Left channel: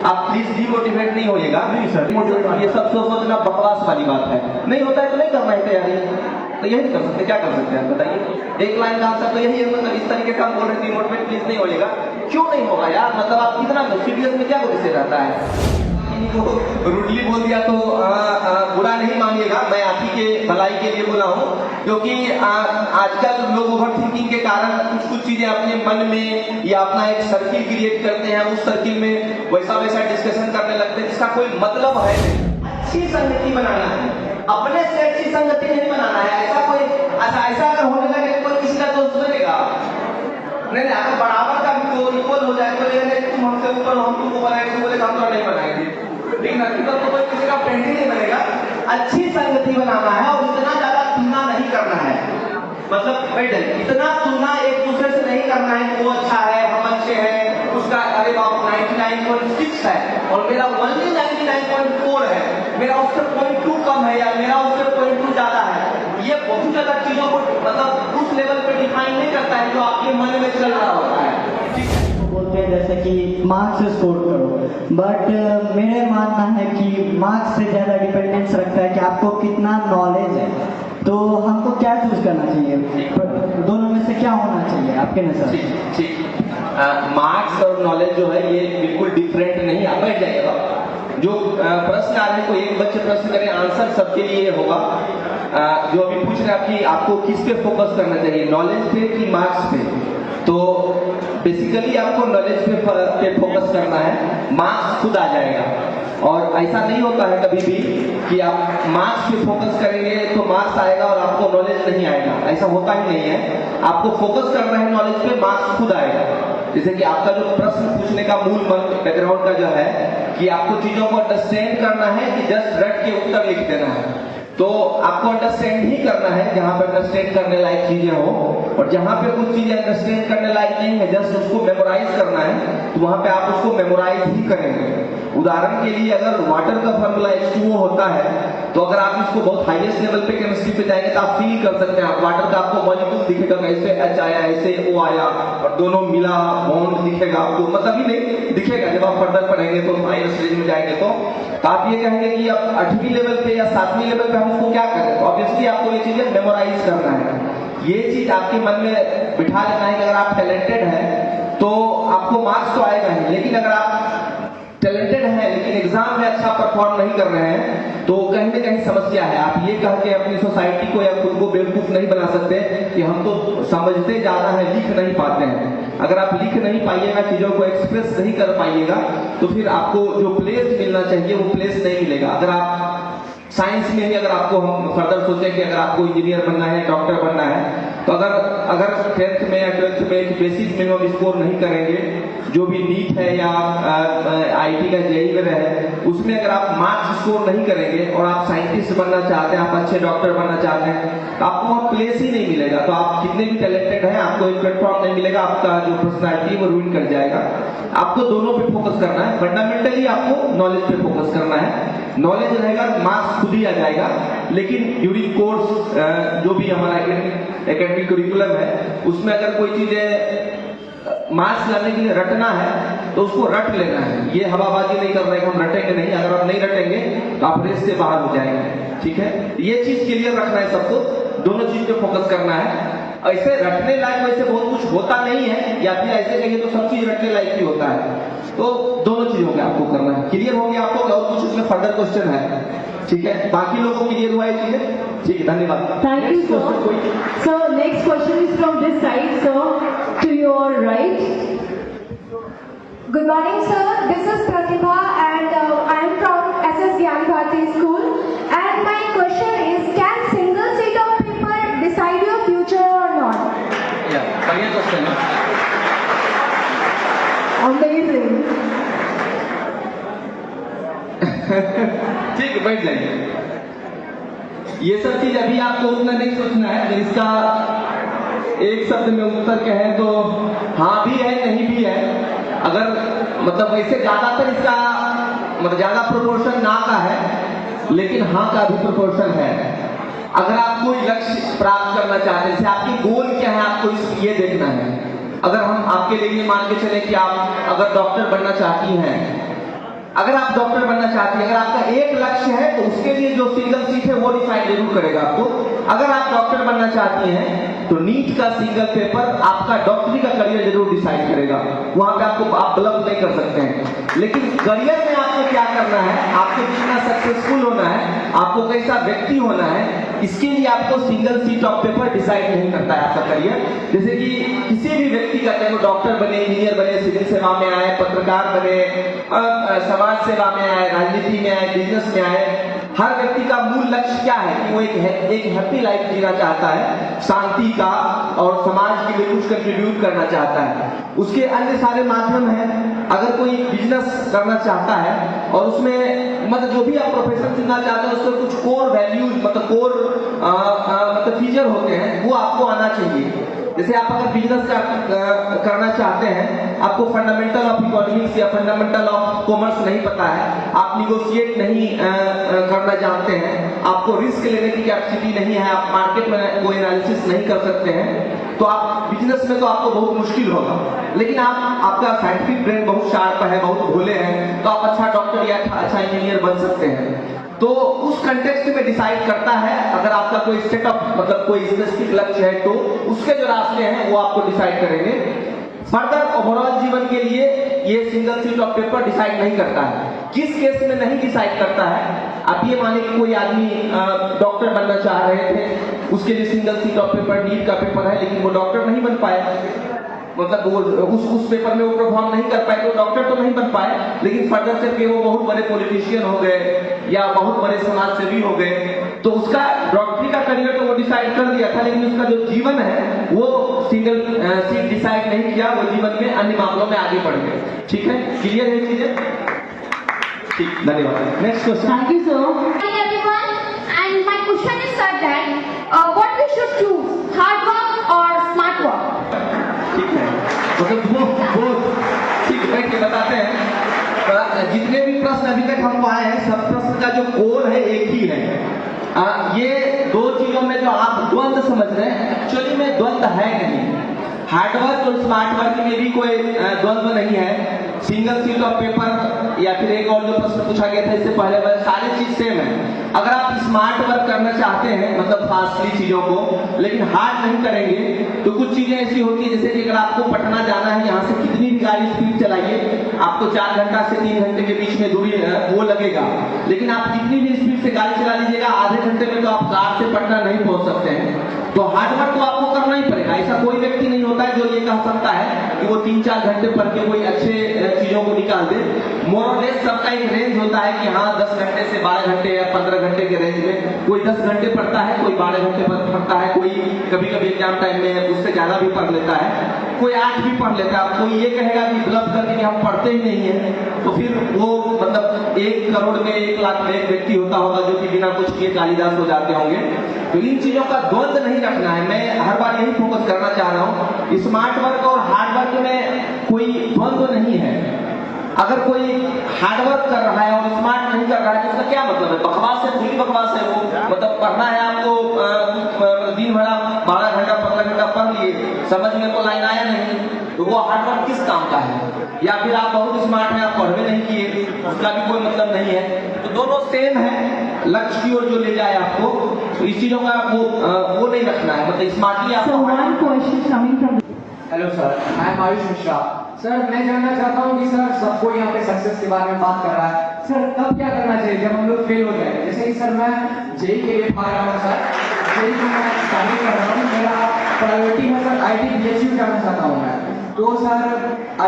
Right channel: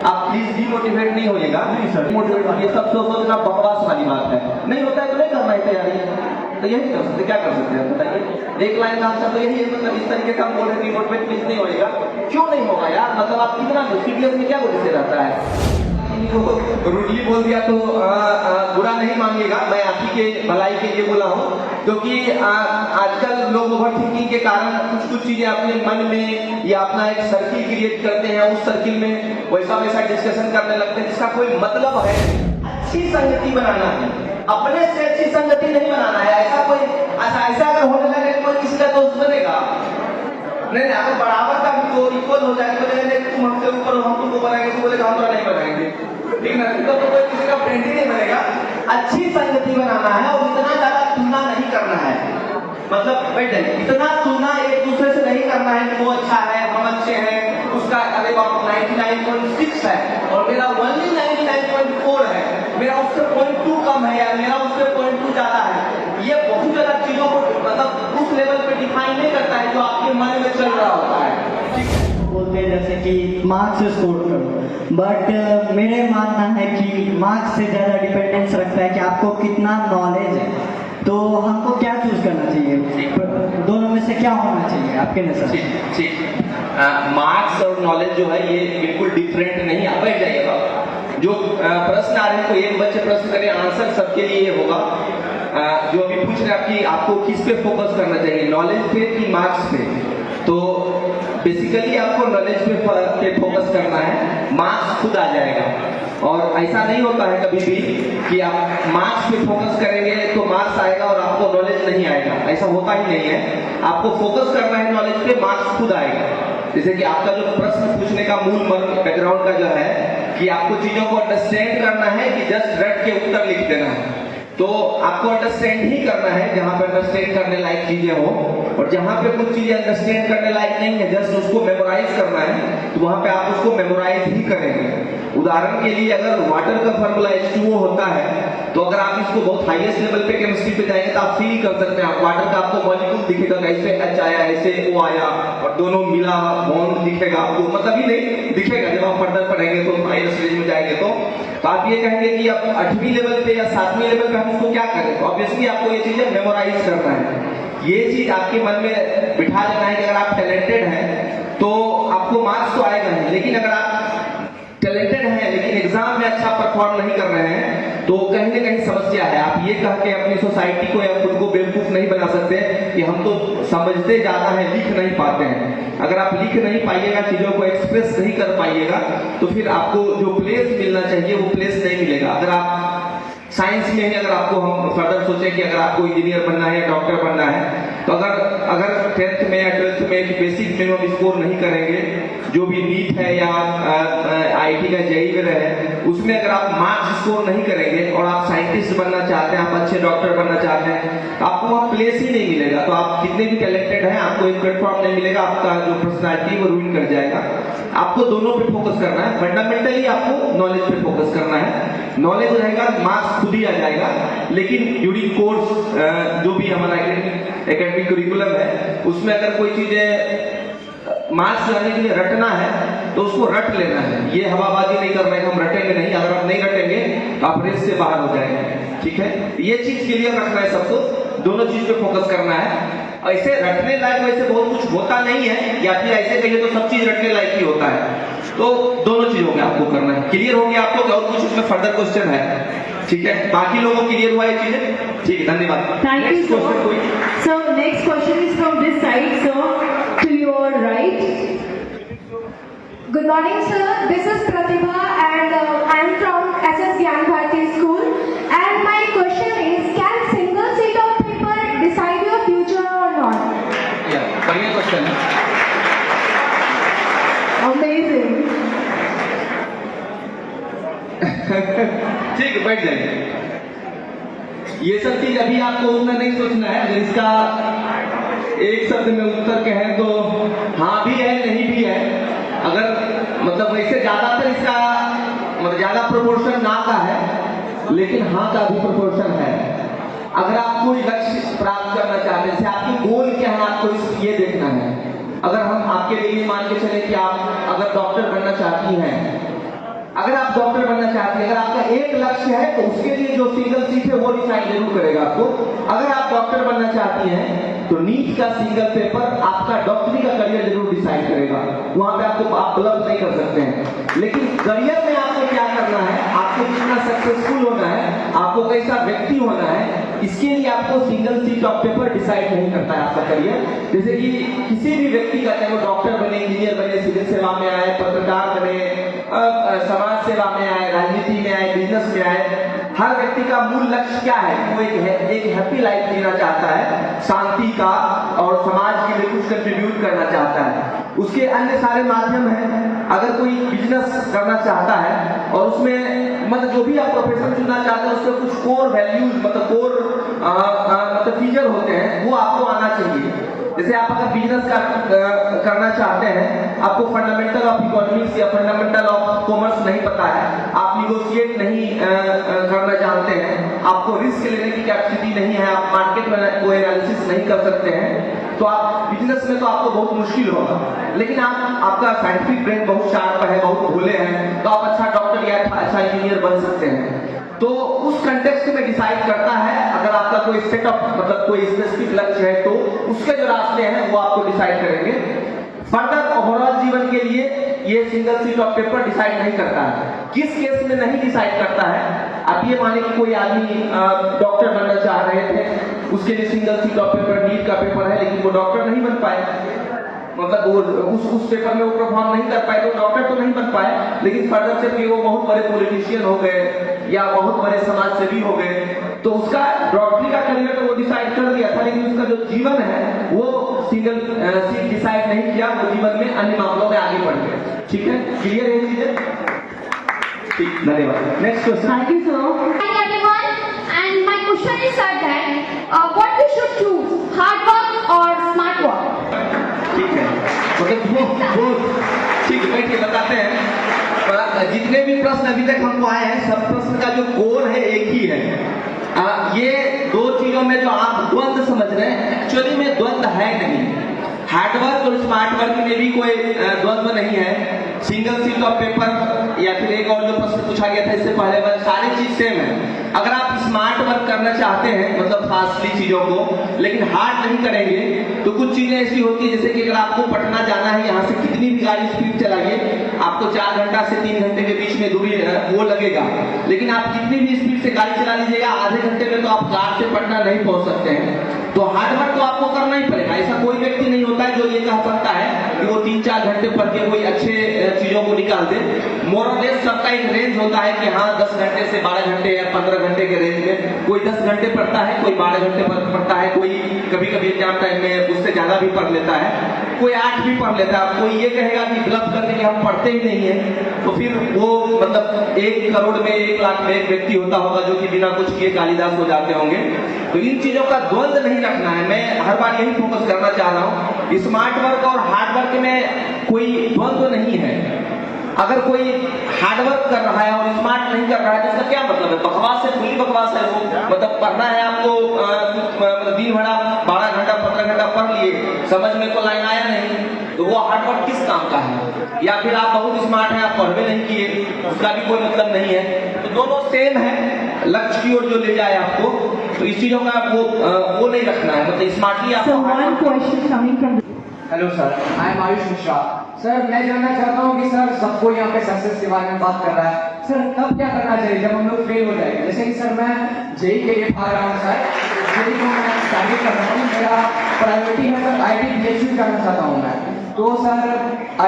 आप please demotivate नहीं होइएगा। नहीं सर, मोटिवेट ये सब सोचना बकवास वाली बात है। नहीं होता है तो नहीं करना है तैयारी, तो यही कर सकते, क्या कर सकते हैं बताइए। एक लाइन का आंसर तो यही है, मतलब इस तरीके से हम बोल रहे हैं डीमोटिवेट प्लीज नहीं होइएगा। क्यों नहीं होगा यार, मतलब आप कितना सीरियस में क्या गुस्से रहता है। इनको रूडली बोल दिया तो बुरा नहीं मानिएगा, मैं आप ही के भलाई के लिए बोला हूँ, क्योंकि आजकल लोग ओवर थिंकिंग के कारण कुछ कुछ चीजें अपने मन में या अपना एक सर्किल क्रिएट करते हैं, उस सर्किल में वैसा वैसा डिस्कशन करने लगते हैं जिसका कोई मतलब है। अच्छी संगति बनाना है, अपने से अच्छी संगति नहीं बनाना है। ऐसा अगर होने लगे तो कोई किसका दोस्त बनेगा? नहीं, अगर बराबर का भी तो इक्वल हो जाए तो तुम हमसे ऊपर हो, हम तुमको बनाएंगे, तुम बोलेगा हम तो नहीं बनाएंगे, ठीक ना? तो कोई किसी का फ्रेंड ही नहीं बनेगा। अच्छी संगति बनाना है और इतना ज्यादा तुलना नहीं करना है, मतलब बैठ इतना तुलना एक दूसरे से नहीं करना है कि वो अच्छा है हम अच्छे हैं, उसका अरे बाप 99.6 है और मेरा ओनली 99.4 है, मेरा उससे 0.2 कम है या मेरा उससे 0.2 ज्यादा है। ये बहुत ज्यादा चीजों को मतलब उस लेवल पे डिफाइन नहीं करता है जो आपके मन में चल रहा होता है। बोलते हैं जैसे कि मार्क्स से स्कोर करो, बट मेरे मानना है कि मार्क्स से ज़्यादा डिपेंडेंस रखता है कि आपको कितना नॉलेज है। तो हमको क्या चूज करना चाहिए, दोनों में से क्या होना चाहिए आपके नजर? ठीक, मार्क्स और नॉलेज जो है ये बिल्कुल डिफरेंट नहीं। आप बैठ जाइएगा, जो प्रश्न आ रहे हैं कोई एक बच्चे प्रश्न करें, आंसर सबके लिए होगा। जो अभी पूछ रहे हैं कि आपको किस पे फोकस करना चाहिए, नॉलेज पे कि मार्क्स पे, तो बेसिकली आपको नॉलेज पे फोकस करना है, मार्क्स खुद आ जाएगा। और ऐसा नहीं होता है कभी भी कि आप मार्क्स पे फोकस करेंगे तो मार्क्स आएगा और आपको नॉलेज नहीं आएगा, ऐसा होता ही नहीं है। आपको फोकस करना है नॉलेज पे, मार्क्स खुद आएगा। जैसे कि आपका जो प्रश्न पूछने का मूल मन बैकग्राउंड का जो है कि आपको चीजों को अंडरस्टैंड करना है कि जस्ट रट के उत्तर लिख देना है, तो आपको अंडरस्टैंड ही करना है जहां पर अंडरस्टैंड करने लायक चीजें हो, और जहां पे कुछ चीजें अंडरस्टैंड करने लायक नहीं है, जस्ट उसको मेमोराइज करना है, तो वहां पे आप उसको मेमोराइज ही करेंगे। उदाहरण के लिए अगर वाटर का फॉर्मूला H2O होता है, तो अगर आप इसको बहुत हाईएस्ट लेवल पे केमिस्ट्री पे जाएंगे तो आप फील कर सकते हैं, आप वाटर का आपको मॉलिक्यूल दिखेगा, कैसे H आया ऐसे O आया और दोनों मिला बॉन्ड दिखेगा आपको, मतलब ही नहीं दिखेगा। जब आप फर्दर पढ़ेंगे तो हायर स्टेज में जाएंगे तो आप ये कहेंगे कि आप 8वीं लेवल पे या 7वीं लेवल पे हम उसको क्या करें, तो ऑब्वियसली आपको ये चीजें मेमोराइज करना है। ये चीज आपके मन में बिठा लेना है कि अगर आप टैलेंटेड हैं तो आपको मार्क्स तो आएगा नहीं, लेकिन अगर आप टैलेंटेड हैं लेकिन एग्जाम में अच्छा परफॉर्म नहीं कर रहे हैं तो कहीं ना कहीं समस्या है। आप ये कह के अपनी सोसाइटी को या खुद को बेवकूफ नहीं बना सकते कि हम तो समझते ज्यादा है, लिख नहीं पाते हैं। अगर आप लिख नहीं पाइएगा, चीजों को एक्सप्रेस नहीं कर पाइएगा, तो फिर आपको जो प्लेस मिलना चाहिए वो प्लेस नहीं मिलेगा। अगर आप साइंस में ही अगर आपको हम फर्दर सोचें कि अगर आपको इंजीनियर बनना है, डॉक्टर बनना है, तो अगर 10th में या 12th में एक बेसिक मिनिमम स्कोर नहीं करेंगे, जो भी नीट है या आईटी का जेईई है, उसमें अगर आप मार्क्स स्कोर नहीं करेंगे और आप साइंटिस्ट बनना चाहते हैं, आप अच्छे डॉक्टर बनना चाहते हैं, तो आपको वहाँ प्लेस ही नहीं मिलेगा। तो आप कितने भी टैलेंटेड हैं, आपको एक प्लेटफॉर्म नहीं मिलेगा, आपका जो पर्सनैलिटी है वो रूइन कर जाएगा। आपको दोनों पे फोकस करना है, फंडामेंटली आपको नॉलेज पे फोकस करना है। नॉलेज रहेगा, मार्क्स खुद ही आ जाएगा, लेकिन ड्यूरिंग कोर्स जो भी हमारा एकेडमिक करिकुलम है उसमें अगर कोई चीजें मार्क्स लाने के लिए रटना है तो उसको रट लेना है। ये हवाबाजी नहीं करना है, हम रटेंगे नहीं, अगर आप नहीं रटेंगे तो आप रेस से बाहर हो जाएंगे, ठीक है। ये चीज क्लियर रखना है सबको, दोनों चीज पे फोकस करना है। ऐसे रटने लायक वैसे बहुत कुछ होता नहीं है, या फिर ऐसे कहिए तो सब चीज रटने लायक ही होता है, तो दोनों चीजों में आपको करना है। क्लियर हो गया आपको? और कुछ इसमें फर्दर क्वेश्चन है? ठीक है, बाकी लोगों को क्लियर हुआ ये चीजें? ठीक है, धन्यवाद। Thank you, sir. So next question is from this side, sir, to your right. Good morning, sir. This is Pratibha and I am from SS Gyan Bharati School. And my question is, can single sheet of paper decide your future or not? बढ़िया question है। Amazing. ठीक है, बैठ जाइए। ये सब चीज अभी आपको उतना नहीं सोचना है। अगर इसका एक शब्द में उत्तर कहें तो हाँ भी है, नहीं भी है। अगर मतलब वैसे ज्यादातर इसका मतलब ज्यादा प्रोपोर्शन ना का है, लेकिन हाँ का भी प्रोपोर्शन है। अगर आप कोई लक्ष्य प्राप्त करना चाहते हैं, जैसे आपकी गोल क्या है, आपको ये देखना है। अगर हम आपके लिए मान के चले कि आप अगर डॉक्टर बनना चाहती हैं अगर आप डॉक्टर बनना चाहती हैं, अगर आपका एक लक्ष्य है तो उसके लिए जो सिंगल सीट है वो डिसाइड जरूर करेगा आपको। अगर आप डॉक्टर बनना चाहती हैं तो नीट का सिंगल पेपर आपका डॉक्टरी का करियर जरूर डिसाइड करेगा। वहां पे आपको आप गलत नहीं कर सकते हैं। लेकिन करियर में आपको क्या करना है, आपको कितना सक्सेसफुल होना है, आपको कैसा व्यक्ति होना है, इसके लिए आपको single sheet of paper decide नहीं करता है आपका करियर। जैसे कि किसी भी व्यक्ति का, चाहे वो डॉक्टर बने, इंजीनियर बने, सिविल सेवा में आए, पत्रकार बने, समाज सेवा में आए, राजनीति में आए, बिजनेस में आए, हर व्यक्ति का मूल लक्ष्य क्या है? वो एक हैप्पी लाइफ जीना चाहता है, शांति का, और समाज के लिए कुछ कंट्रीब्यूट करना चाहता है। उसके अन्य सारे माध्यम हैं। अगर कोई बिजनेस करना चाहता है और उसमें मतलब जो भी आप प्रोफेशन चुनना चाहते हैं उसमें कुछ कोर वैल्यूज मतलब मतलब फीचर होते हैं, वो आपको आना चाहिए। जैसे आप अगर बिजनेस करना चाहते हैं, आपको फंडामेंटल ऑफ इकोनॉमिक्स या फंडामेंटल ऑफ कॉमर्स नहीं पता है, आप निगोशिएट नहीं करना जानते हैं, आपको रिस्क लेने की कैपेसिटी नहीं है, आप मार्केट में कोई एनालिसिस नहीं कर सकते हैं, तो आप बिजनेस में तो आपको बहुत मुश्किल होगा। लेकिन आपका साइंटिफिक ब्रेन बहुत शार्प है, बहुत भोले हैं, तो आप अच्छा डॉक्टर या अच्छा इंजीनियर बन सकते हैं। तो उस कंटेक्स्ट में डिसाइड करता है, अगर आपका कोई सेटअप मतलब कोई स्पेसिफिक लक्ष्य है तो उसके जो रास्ते हैं वो आपको डिसाइड करेंगे। फर्दर ओवरऑल जीवन के लिए ये single sheet of paper decide नहीं करता है। किस केस में नहीं डिसाइड करता है? आप ये माने कि कोई आदमी डॉक्टर बनना चाह रहे थे, उसके लिए single sheet of paper NEET का पेपर है, लेकिन वो डॉक्टर नहीं बन पाए, मतलब वो उस पेपर में वो परफॉर्म नहीं कर पाए, तो डॉक्टर तो नहीं बन पाए, लेकिन फर्दर से फिर वो बहुत बड़े पॉलिटिशियन हो गए या बहुत बड़े समाज सेवी हो गए, तो उसका डॉक्टरी का करियर तो वो डिसाइड कर दिया था, लेकिन उसका जो जीवन है वो सिंगल सीट डिसाइड नहीं किया, वो जीवन में अन्य मामलों में आगे बढ़ गए। ठीक है, क्लियर है चीजें? ठीक, धन्यवाद। Next question. Thank you, sir. Hi everyone, and my question is that what we should choose, hard work or smart work? ठीक है, मतलब वो ठीक बैठ के बताते हैं। जितने भी प्रश्न अभी तक हमको आए हैं, सब प्रश्न का जो कोर है एक ही है। ये दो चीजों में जो आप द्वंद्व समझ रहे हैं, एक्चुअली में द्वंद्व है नहीं। हार्डवर्क और स्मार्ट वर्क में भी कोई द्वंद्व नहीं है। सिंगल सीट ऑफ पेपर या फिर एक और जो प्रश्न पूछा गया था इससे पहले, बस सारी चीज सेम है। अगर आप स्मार्ट वर्क करना चाहते हैं मतलब फास्टली चीजों को, लेकिन हार्ड नहीं करेंगे, तो कुछ चीजें ऐसी होती है जैसे कि अगर आपको पटना जाना है, यहाँ से कितनी भी गाड़ी स्पीड चलाइए, आपको 4 घंटा से 3 घंटे के बीच में दूरी वो लगेगा, लेकिन आप कितनी भी स्पीड से गाड़ी चला लीजिएगा, आधे घंटे में तो आप कार से पटना नहीं पहुंच सकते हैं। तो हार्डवर्क तो आपको करना ही पड़ेगा। ऐसा कोई व्यक्ति नहीं होता है जो ये कह सकता है कि वो 3-4 घंटे पढ़ के कोई अच्छे चीजों को निकाल दे। मोर और लेस सबका एक रेंज होता है कि हाँ 10 घंटे से 12 घंटे या 15 घंटे के रेंज में कोई 10 घंटे पढ़ता है, कोई 12 घंटे पढ़ता है, कोई कभी कभी एग्जाम टाइम में उससे ज्यादा भी पढ़ लेता है, कोई 8 भी पढ़ लेता है। कोई ये कहेगा कि ब्लफ करके कि हम पढ़ते ही नहीं है, तो फिर वो मतलब 1 करोड़ में 1 लाख में एक व्यक्ति होता होगा जो कि बिना कुछ किए कालिदास हो जाते होंगे। तो इन चीजों का द्वंद्व नहीं रखना है। मैं हर बार यही फोकस करना चाह रहा हूँ, स्मार्ट वर्क और हार्ड वर्क में कोई द्वंद्व नहीं है। अगर कोई हार्डवर्क कर रहा है और स्मार्ट नहीं कर रहा है तो उसका क्या मतलब है? बकवास है, खुली बकवास है वो। मतलब पढ़ना है आपको, दिन भर आप 12 घंटा 15 घंटा पढ़ लिए, समझ में तो लाइन आया नहीं, तो वो हार्डवर्क किस काम का है? या फिर आप बहुत स्मार्ट हैं, आप पढ़ भी नहीं किए, उसका भी कोई मतलब नहीं है। तो दोनों सेम है, लक्ष्य की ओर जो ले जाए आपको, तो इस चीजों का वो नहीं रखना है। मतलब स्मार्टली So आपको one question coming from hello sir, I am Ayush Mishra. Sir मैं जानना चाहता हूँ कि सर सबको यहाँ पे सक्सेस के बारे में बात कर रहा है, सर तब क्या करना चाहिए जब हम लोग फेल हो जाए? जैसे कि सर मैं जेई के लिए पा रहा हूँ सर, जेई को मैं स्टडी कर रहा हूँ, मेरा प्रायोरिटी में सर IIT करना चाहता हूँ मैं। तो सर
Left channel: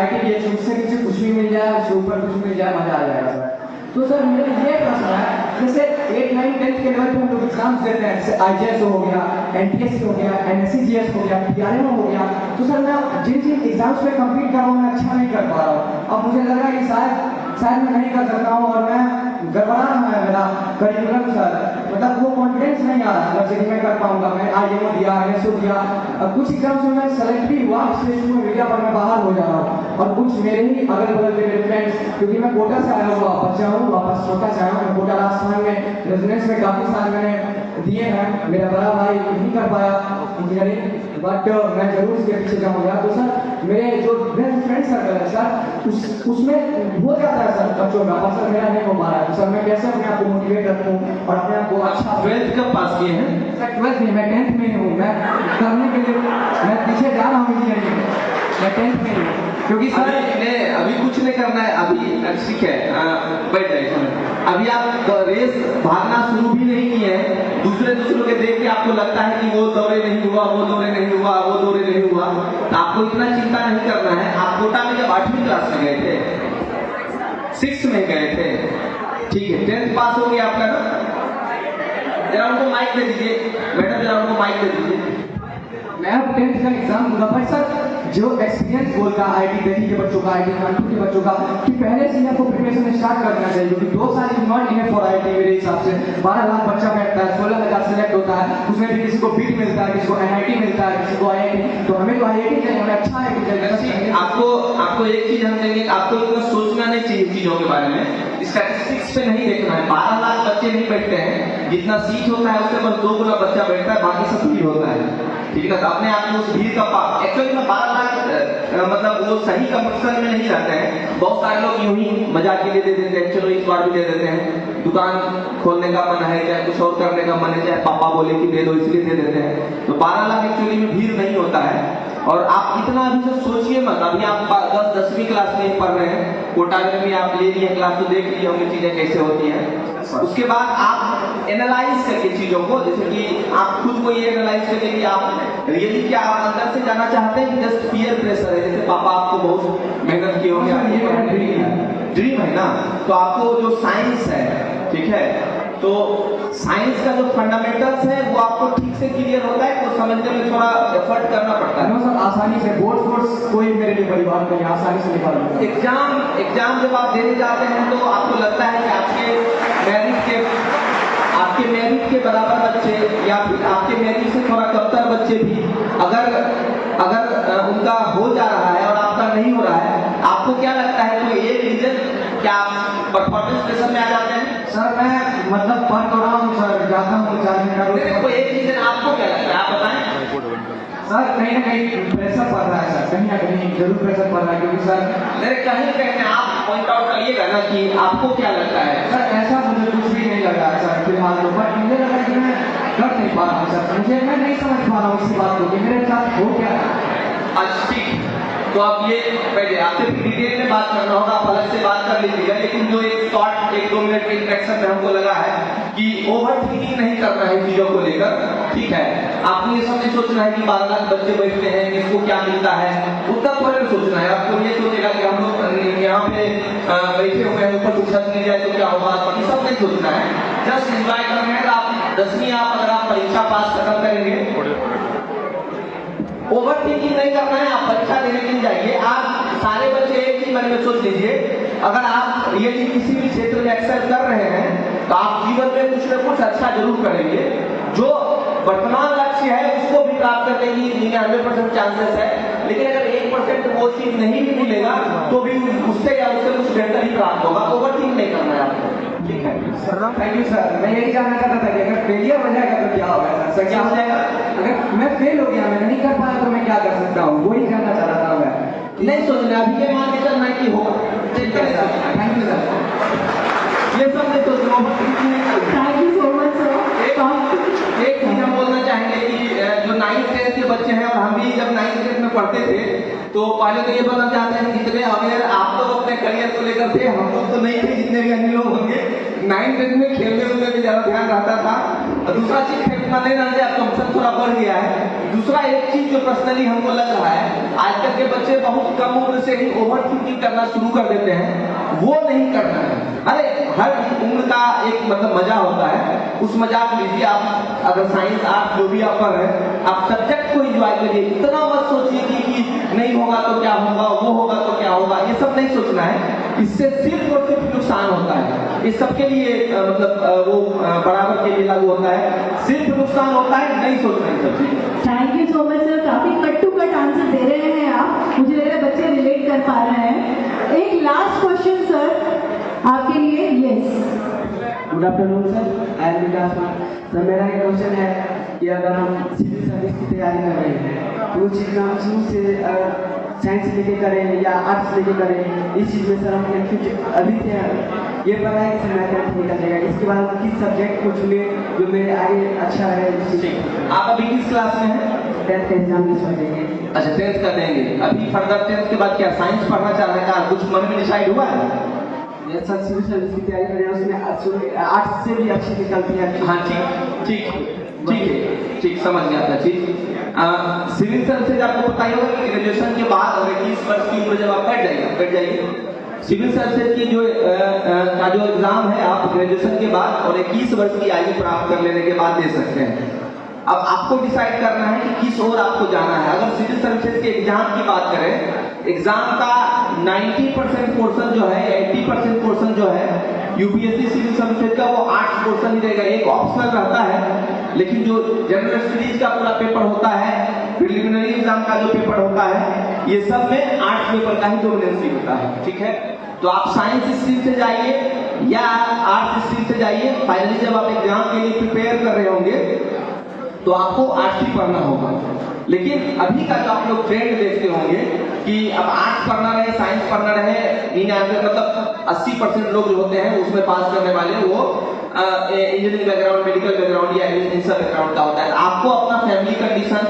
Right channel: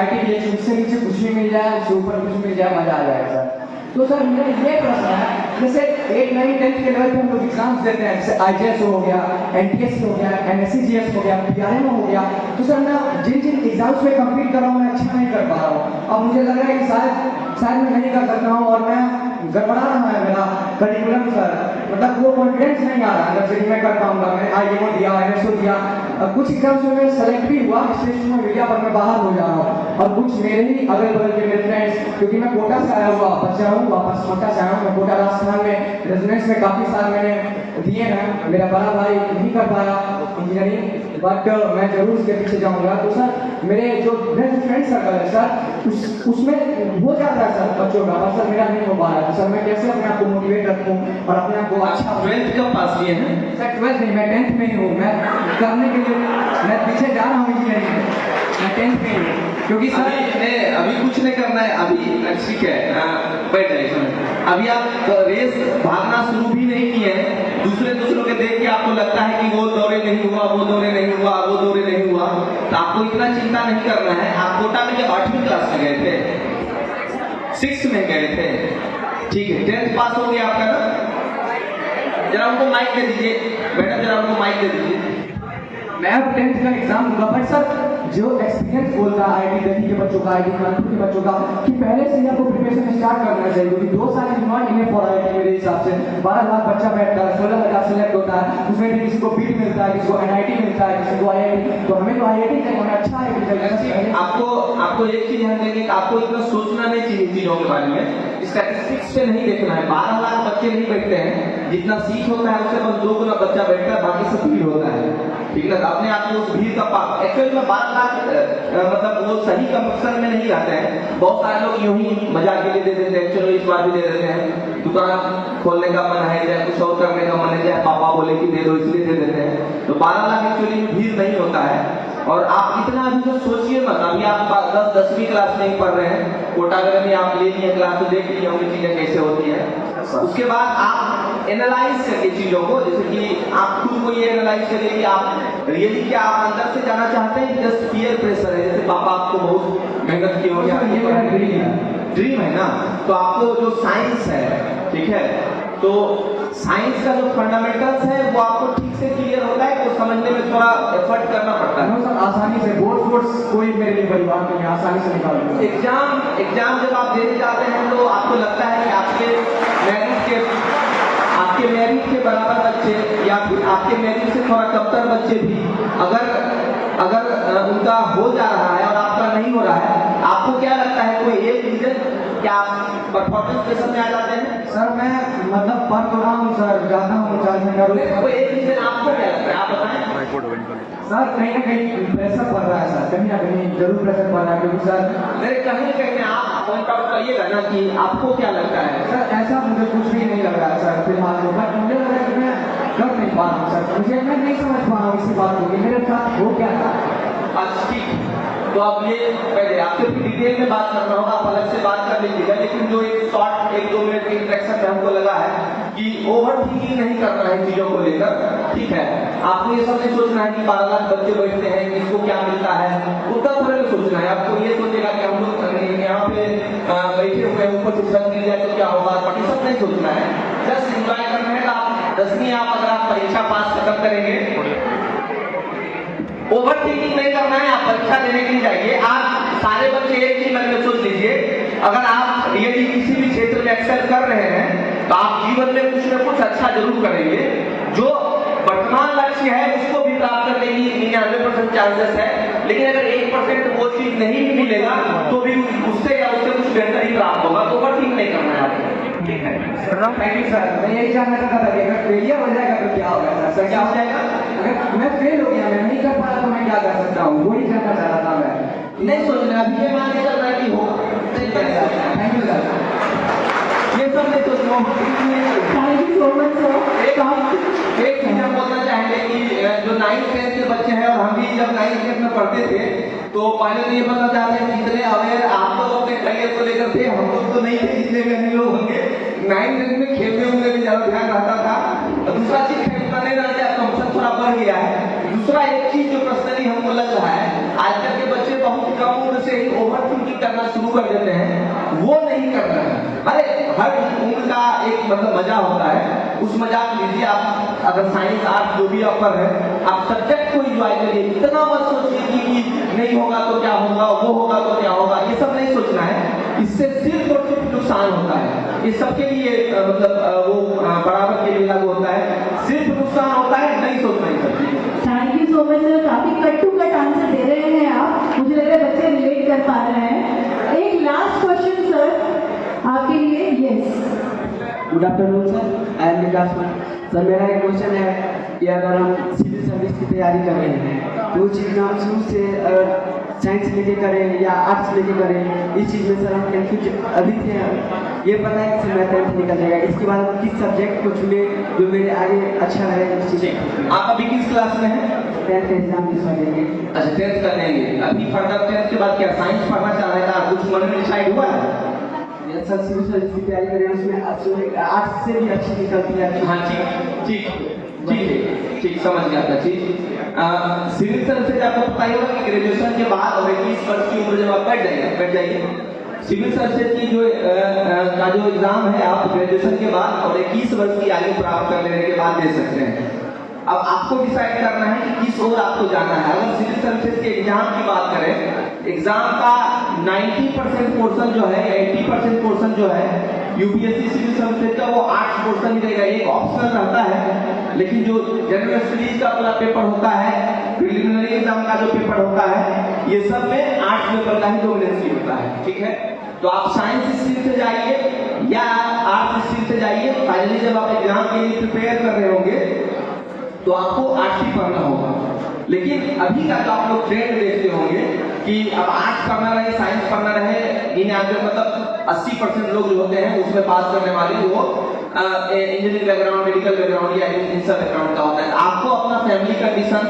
IIT से मुझे कुछ भी मिल जाए, उसके ऊपर कुछ मिल जाए, मजा आ जाएगा सर। तो सर मेरा ये प्रश्न है, जैसे 8, 9, 10 के लेवल पे हम लोग एग्जाम्स देते हैं, जैसे IJS हो गया, NTS हो गया, NSCGS हो गया, PRM हो गया, तो सर मैं जिन एग्जाम्स पे कम्पीट कर रहा हूँ मैं अच्छा नहीं कर पा रहा हूँ। अब मुझे लग रहा है कि शायद मैं नहीं कर सकता हूँ और मैं गड़बड़ा रहा है मेरा करिकुलम सर, मतलब वो कॉन्फिडेंस नहीं आ रहा जैसे कि मैं कर पाऊंगा। मैंने IIM दिया, NSO दिया, और कुछ एग्जाम्स में मैं सेलेक्ट भी हुआ, स्टेज में मीडिया पर मैं बाहर हो जा रहा हूँ। और कुछ मेरे ही अगल बगल के मेरे फ्रेंड्स, क्योंकि मैं कोटा से आया हुआ बच्चा हूँ, वापस कोटा से आया हूँ। मैं कोटा राजस्थान में रेजिडेंस में काफी साल मैंने दिए हैं। मेरा बड़ा भाई नहीं कर पाया इंजीनियरिंग, बट मैं जरूर उसके पीछे जाऊंगा। तो सर मेरे जो फ्रेंड सर्कल है सर, उसमें हो जाता है सर बच्चों का, पर सर मेरा नहीं हो पा रहा है। तो सर मैं कैसे अपने आप को मोटिवेट रखूं और अपने आप को अच्छा 12th कब पास किए हैं? सर 12th नहीं, मैं 10th में ही हूँ। मैं करने के लिए मैं पीछे जा रहा हूँ इंजीनियरिंग में, मैं 10th में ही हूँ। क्योंकि सर अभी कुछ नहीं करना है, अभी ठीक है बैठ जाइए। अभी आप रेस भागना शुरू भी नहीं किए हैं, दूसरों के देख के आपको लगता है कि वो दौरे नहीं हुआ, वो दौरे नहीं हुआ, वो दौरे नहीं हुआ, तो आपको इतना चिंता नहीं करना है। आप कोटा में जब 8वीं क्लास में गए थे, 6th में गए थे, ठीक है, 10th पास हो गया आपका ना? जरा उनको माइक दे दीजिए मैडम, जरा उनको माइक दे दीजिए। मैं अब 10th का एग्जाम दूंगा, पर सर जो एक्सपीरियंस बोलता है आईआईटी दिल्ली के बच्चों का, आईआईटी कानपुर के बच्चों का, कि पहले से ही आपको प्रिपरेशन स्टार्ट करना चाहिए, क्योंकि 2 साल is not enough for IIT मेरे हिसाब से। 12 लाख बच्चा बैठता है, 16 लाख सेलेक्ट होता है, उसमें भी किसी को बीट मिलता है, किसी को एनआईटी मिलता है, किसी को आईआईटी। तो हमें तो आईआईटी चाहिए, अच्छा आईआईटी। आपको एक चीज हम देंगे, आपको इतना सोचना नहीं चाहिए चीजों के बारे में, स्टैटिस्टिक्स पे नहीं देखना है। 12 लाख बच्चे नहीं बैठते हैं, जितना सीट होता है उससे बस 2 गुना बच्चा बैठता है, बाकी सब भीड़ होता है, ठीक है ना? तो अपने आप को उस भीड़ का एक्चुअली में 12 लाख मतलब वो सही कंपटीशन में नहीं जाते हैं। बहुत सारे लोग यूं ही मजाक के लिए दे देते हैं, चलो इस बार भी दे देते हैं, दुकान खोलने का मन है या कुछ और करने का मन है, या पापा बोले कि दे दो इसलिए दे देते हैं। तो 12 लाख एक्चुअली में भीड़ नहीं होता है। और आप इतना अभी तो सोचिए मत, अभी आप 10वीं क्लास में ही पढ़ रहे हैं, कोटागढ़ में आप ले लिए क्लास, तो देख लिए होंगे चीजें कैसे होती हैं। उसके बाद आप एनालाइज करके चीजों को, जैसे कि आप खुद को ये एनालाइज करिए कि आप रियली क्या आप अंदर से जाना चाहते हैं, जस्ट पीयर प्रेशर है। जैसे पापा आपको बहुत मेहनत की होगी, ये मेरा ड्रीम है ना, तो आपको जो साइंस है, ठीक है, तो साइंस का जो फंडामेंटल्स है वो आपको ठीक से क्लियर होता है, तो समझने में थोड़ा एफर्ट करना पड़ता है। सर आसानी से बोर्ड्स कोई मेरे लिए बड़ी बात नहीं है, आसानी से निकाल लूंगा। एग्जाम जब आप देने जाते हैं तो आपको लगता है कि आपके मेरिट के बराबर बच्चे या फिर आपके मेरिट से थोड़ा कमतर बच्चे भी अगर उनका हो जा रहा है और आपका नहीं हो रहा है, आपको क्या लगता है कोई एक रीजन, क्या आप परफॉर्मेंस के समय आ जाते हैं? सर मैं मतलब पढ़ तो रहा हूँ सर, जाता हूँ 4 घंटा रोज। कोई एक रीजन आपको क्या लगता है, आप बताएं। सर कहीं ना कहीं प्रेशर पड़ रहा है सर, कहीं ना कहीं जरूर प्रेशर पड़ रहा है, क्योंकि सर मेरे कहीं आप पॉइंट आउट करिएगा ना कि आपको क्या लगता है। सर ऐसा मुझे कुछ भी नहीं लग रहा है सर फिलहाल तो, बट मुझे लग रहा है कि मैं कर नहीं पा रहा हूँ सर, मैं नहीं समझ पा रहा हूँ इसी बात को कि मेरे साथ हो क्या रहा है। अच्छा ठीक, तो अब ये पहले आपसे डिटेल में बात करना होगा, आप अलग से बात कर लीजिएगा, लेकिन जो एक शॉर्ट 1-2 मिनट के इंट्रैक्शन में हमको लगा है कि ओवर थिंकिंग नहीं करना है चीजों को लेकर, ठीक है। आपको ये सब नहीं सोचना है कि 12 लाख बच्चे बैठते हैं, किसको क्या मिलता है, उतना थोड़ा नहीं सोचना है। आपको ये सोचेगा कि हम लोग यहाँ पे बैठे हुए हैं, ऊपर कुछ मिल जाए तो क्या होगा, ये सब नहीं सोचना है, जस्ट एंजॉय करना है। आप 10वीं अगर आप परीक्षा पास खत्म करेंगे, ओवर थिंकिंग नहीं करना है, आप परीक्षा देने के लिए जाइए। आप सारे बच्चे एक ही मन में सोच लीजिए, अगर आप यदि किसी भी क्षेत्र में एक्सेल कर रहे हैं तो आप जीवन में कुछ न कुछ अच्छा जरूर करेंगे। जो वर्तमान लक्ष्य है उसको भी प्राप्त करने की 99% चांसेस है, लेकिन अगर 1% वो चीज नहीं भी मिलेगा तो भी उससे या उससे कुछ बेहतर ही प्राप्त होगा। तो ओवर थिंक नहीं करना है आपको, ठीक है। Thank you sir. मैं यही जानना चाहता था कि अगर फेलियर हो जाएगा तो क्या होगा सर? क्या हो जाएगा? अगर मैं फेल हो गया, मैं नहीं कर पाया तो मैं क्या कर सकता हूँ, वही जानना चाह रहा था मैं। नहीं सोचना, अभी ये मान के चलना है कि हो, थैंक यू सर। ये सब नहीं सोचना। Thank you so much, sir. एक चीज हम बोलना चाहेंगे कि जो 9th 10th के बच्चे हैं, और हम भी जब 9th 10th में पढ़ते थे तो पहले तो ये बताना चाहते हैं जितने अवेयर आप तो अपने करियर को लेकर थे, हम लोग तो नहीं थे, जितने भी अन्य लोग होंगे 9th 10th में खेलने में भी ज्यादा ध्यान रहता था। और दूसरा चीज खेलना नहीं रहता, अब कॉम्पिटिशन थोड़ा बढ़ गया है। दूसरा एक चीज जो पर्सनली हमको लग रहा है, आजकल के बच्चे बहुत कम उम्र से ही ओवर थिंकिंग करना शुरू कर देते हैं, वो नहीं करना है। अरे हर उम्र का एक मतलब मजा होता है, उस मजाक लीजिए। आप अगर साइंस आर्ट जो भी आप पढ़ रहे हैं, आप सब्जेक्ट को एंजॉय करिए, इतना मत सोचिए कि नहीं होगा तो क्या होगा, वो होगा तो क्या होगा, ये सब नहीं सोचना है। इससे सिर्फ और सिर्फ नुकसान होता है। ये सबके लिए मतलब वो बराबर के लिए लागू होता है, सिर्फ नुकसान होता है, नहीं सोचना है सब चीज। Thank you so much, sir. काफी कट टू कट आंसर दे रहे हैं आप, मुझे लग रहा है बच्चे रिलेट कर पा रहा है। एक लास्ट क्वेश्चन सर आपके लिए। Yes, good afternoon sir, I am Vikas. Sir मेरा एक क्वेश्चन है कि अगर हम सिविल सर्विस की तैयारी कर रहे हैं तो उस चीज़ में हम शुरू से साइंस लेके करें या आर्ट्स लेके करें, इस चीज़ में सर हम कुछ अभी से ये पता है कि मैं 10th निकल जाएगा, इसके बाद हम किस सब्जेक्ट को चुने जो मेरे आगे अच्छा रहे उस चीज़ में। आप अभी किस क्लास में हैं? 10th एग्जाम इस बार देंगे। अच्छा 10th का देंगे। अभी फर्दर 10th के बाद क्या साइंस पढ़ना चाहने का कुछ मन में डिसाइड हुआ है? ये सर सिविल सर्विस की तैयारी करें, उसमें आर्ट्स से भी अच्छी निकलती है। हाँ ठीक ठीक ठीक है, ठीक समझ गया आपका चीज। सिविल सर्विसेज आपको पता ही होगा कि ग्रेजुएशन के बाद और 21 वर्ष की उम्र जब आप बैठ जाइए सिविल सर्विसेज की जो का जो एग्जाम है आप ग्रेजुएशन के बाद और 21 वर्ष की आयु प्राप्त कर लेने के बाद दे सकते हैं। अब आपको डिसाइड करना है कि किस ओर आपको जाना है। अगर सिविल सर्विसेज के एग्जाम की बात करें, एग्जाम का 90% पोर्शन जो है या 80% पोर्शन जो है यूपीएससी सिविल सर्विसेज का वो आर्ट्स पोर्शन ही रहेगा। एक ऑप्शनल रहता है, लेकिन जो जनरल स्टडीज का पूरा पेपर होता है, प्रिलिमिनरी एग्जाम का जो पेपर होता है, ये सब में आर्ट्स पेपर का ही डोमिनेंसी होता है। ठीक है, तो आप साइंस स्ट्रीम से जाइए या आर्ट्स स्ट्रीम से जाइए, फाइनली जब आप एग्जाम के लिए प्रिपेयर कर रहे होंगे तो आपको आर्ट्स ही पढ़ना होगा। लेकिन अभी का जो आप लोग ट्रेंड देखते होंगे कि अब आर्ट्स पढ़ना रहे साइंस पढ़ना रहे, इन मतलब 80% लोग जो होते हैं उसमें पास करने वाले वो इंजीनियरिंग बैकग्राउंड, मेडिकल बैकग्राउंड या इन सब बैकग्राउंड का होता है। आपको अपना फैमिली कंडीशन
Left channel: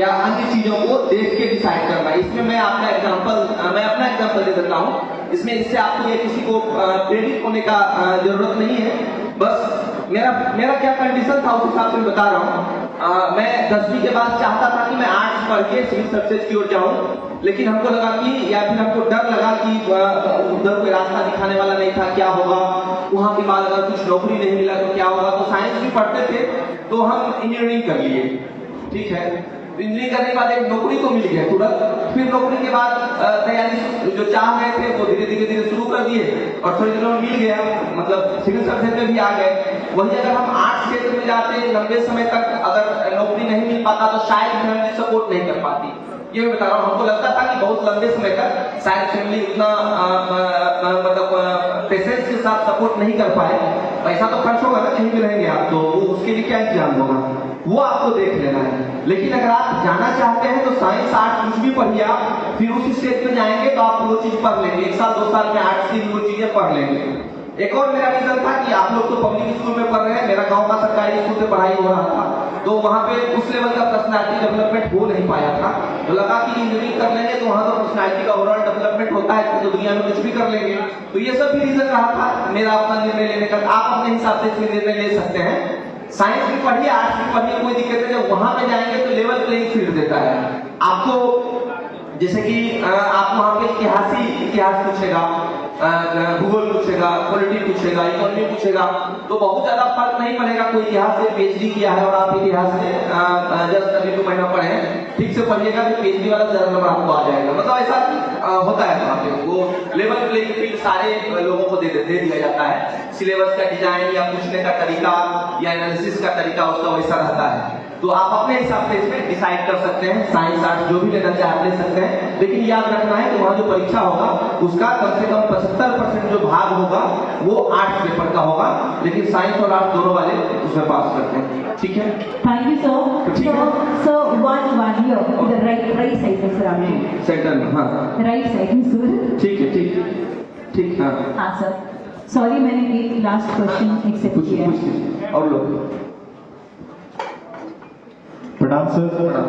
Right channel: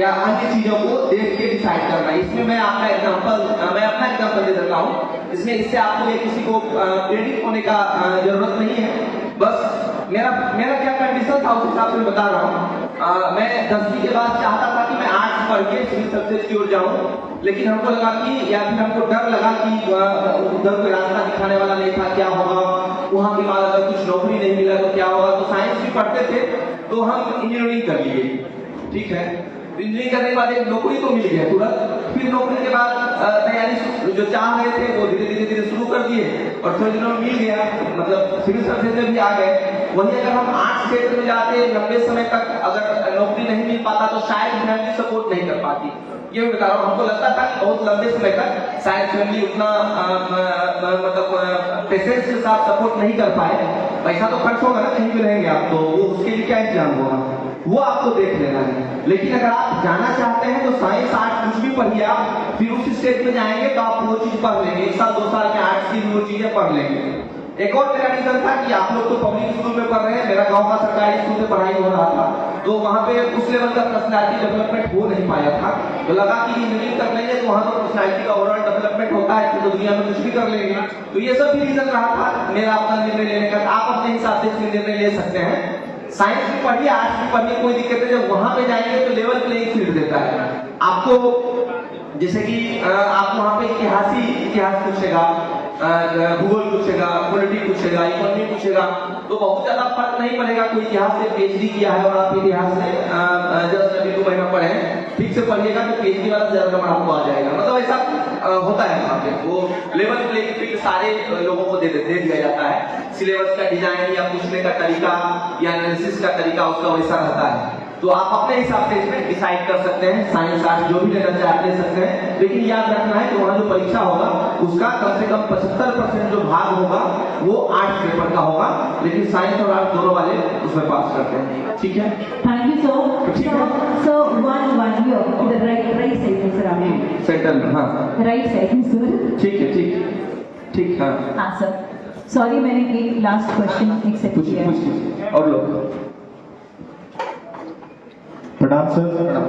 या अन्य चीजों को देख के डिसाइड करना है। इसमें मैं अपना एग्जांपल दे देता हूँ। इसमें इससे आपको या किसी को प्रेरित होने का जरूरत नहीं है। बस मेरा क्या कंडीशन था उस हिसाब से बता रहा हूँ। मैं 10वीं के बाद चाहता था कि मैं आर्ट्स पढ़ के सिविल सर्विसेज की ओर जाऊँ, लेकिन हमको लगा कि या फिर हमको डर लगा कि उधर कोई रास्ता दिखाने वाला नहीं था, क्या होगा वहां के बाद अगर कुछ नौकरी नहीं मिला तो क्या होगा। तो साइंस भी पढ़ते थे तो हम इंजीनियरिंग कर लिए। ठीक है, इंजीनियरिंग करने के बाद एक नौकरी तो मिल गया तुरंत। फिर नौकरी के बाद तैयारी जो चाह रहे थे वो धीरे शुरू कर दिए और थोड़े दिनों में मिल गया, मतलब सिविल सर्विसेज में भी आ गए। वही अगर हम आर्ट्स क्षेत्र में जाते लंबे समय तक अगर नौकरी नहीं मिल पाता तो शायद फैमिली सपोर्ट नहीं कर पाती। ये मैं बता रहा हूँ, हमको लगता था कि बहुत लंबे समय तक शायद फैमिली उतना मतलब पेशेंस के साथ सपोर्ट नहीं कर पाए। पैसा तो खर्च होगा ना, कहीं भी रहेंगे आप तो उसके लिए क्या इंतजाम होगा वो आपको देख लेना है। लेकिन अगर आप जाना चाहते हैं तो साइंस आर्ट्स कुछ भी पढ़िए आप, फिर उस स्टेज में जाएंगे तो आप वो चीज पढ़ लेंगे। 1 साल 2 साल में आर्ट्स की वो चीजें पढ़ लेंगे। एक और मेरा रीजन था कि आप लोग तो पब्लिक स्कूल में पढ़ रहे हैं, मेरा गांव का सरकारी स्कूल से पढ़ाई हो रहा था, तो वहां पे उस लेवल का पर्सनैलिटी डेवलपमेंट हो नहीं पाया था। तो लगा कि इंजीनियरिंग कर लेंगे तो वहां तो पर्सनैलिटी का ओवरऑल डेवलपमेंट होता है, तो दुनिया में कुछ भी कर लेंगे। तो ये सब भी रीजन रहा था मेरा अपना निर्णय लेने का। आप अपने हिसाब से इसमें निर्णय ले सकते हैं। साइंस भी पढ़िए आर्ट्स भी पढ़िए, कोई दिक्कत नहीं। जब वहां पे जाएंगे तो लेवल प्लेइंग फील्ड देता है आपको। जैसे कि आप वहां पे इतिहास पूछेगा, भूगोल पूछेगा, पॉलिटिक्स पूछेगा, इकोनॉमी पूछेगा, तो बहुत ज्यादा फर्क नहीं पड़ेगा। कोई इतिहास से पीएचडी किया है और आप इतिहास से जस्ट अभी 2 महीना पढ़े हैं, ठीक से पढ़िएगा तो पीएचडी वाला ज्यादा नंबर आपको आ जाएगा। मतलब ऐसा होता है वहाँ पे, वो लेवल प्लेइंग फील्ड सारे लोगों को दे दिया जाता है। सिलेबस का डिजाइन या पूछने का तरीका या एनालिसिस का तरीका उसका वैसा रहता है। तो आप अपने हिसाब से इसमें डिसाइड कर सकते हैं। साइंस आर्ट्स जो भी लेना चाहे आप ले सकते हैं, लेकिन याद रखना है कि वहाँ जो परीक्षा होगा उसका कम से कम 75% जो भाग होगा वो आर्ट्स पेपर का होगा, लेकिन साइंस और आर्ट्स दोनों वाले उसमें पास करते हैं। ठीक है, thank you sir. So one here इधर राइट साइड में सर, आपने सेंटर में। हाँ राइट साइड सर। ठीक है, ठीक। हाँ सर, सॉरी मैंने एक लास्ट क्वेश्चन एक्सेप्ट किया है। कुछ और लोग। Pradhan sir,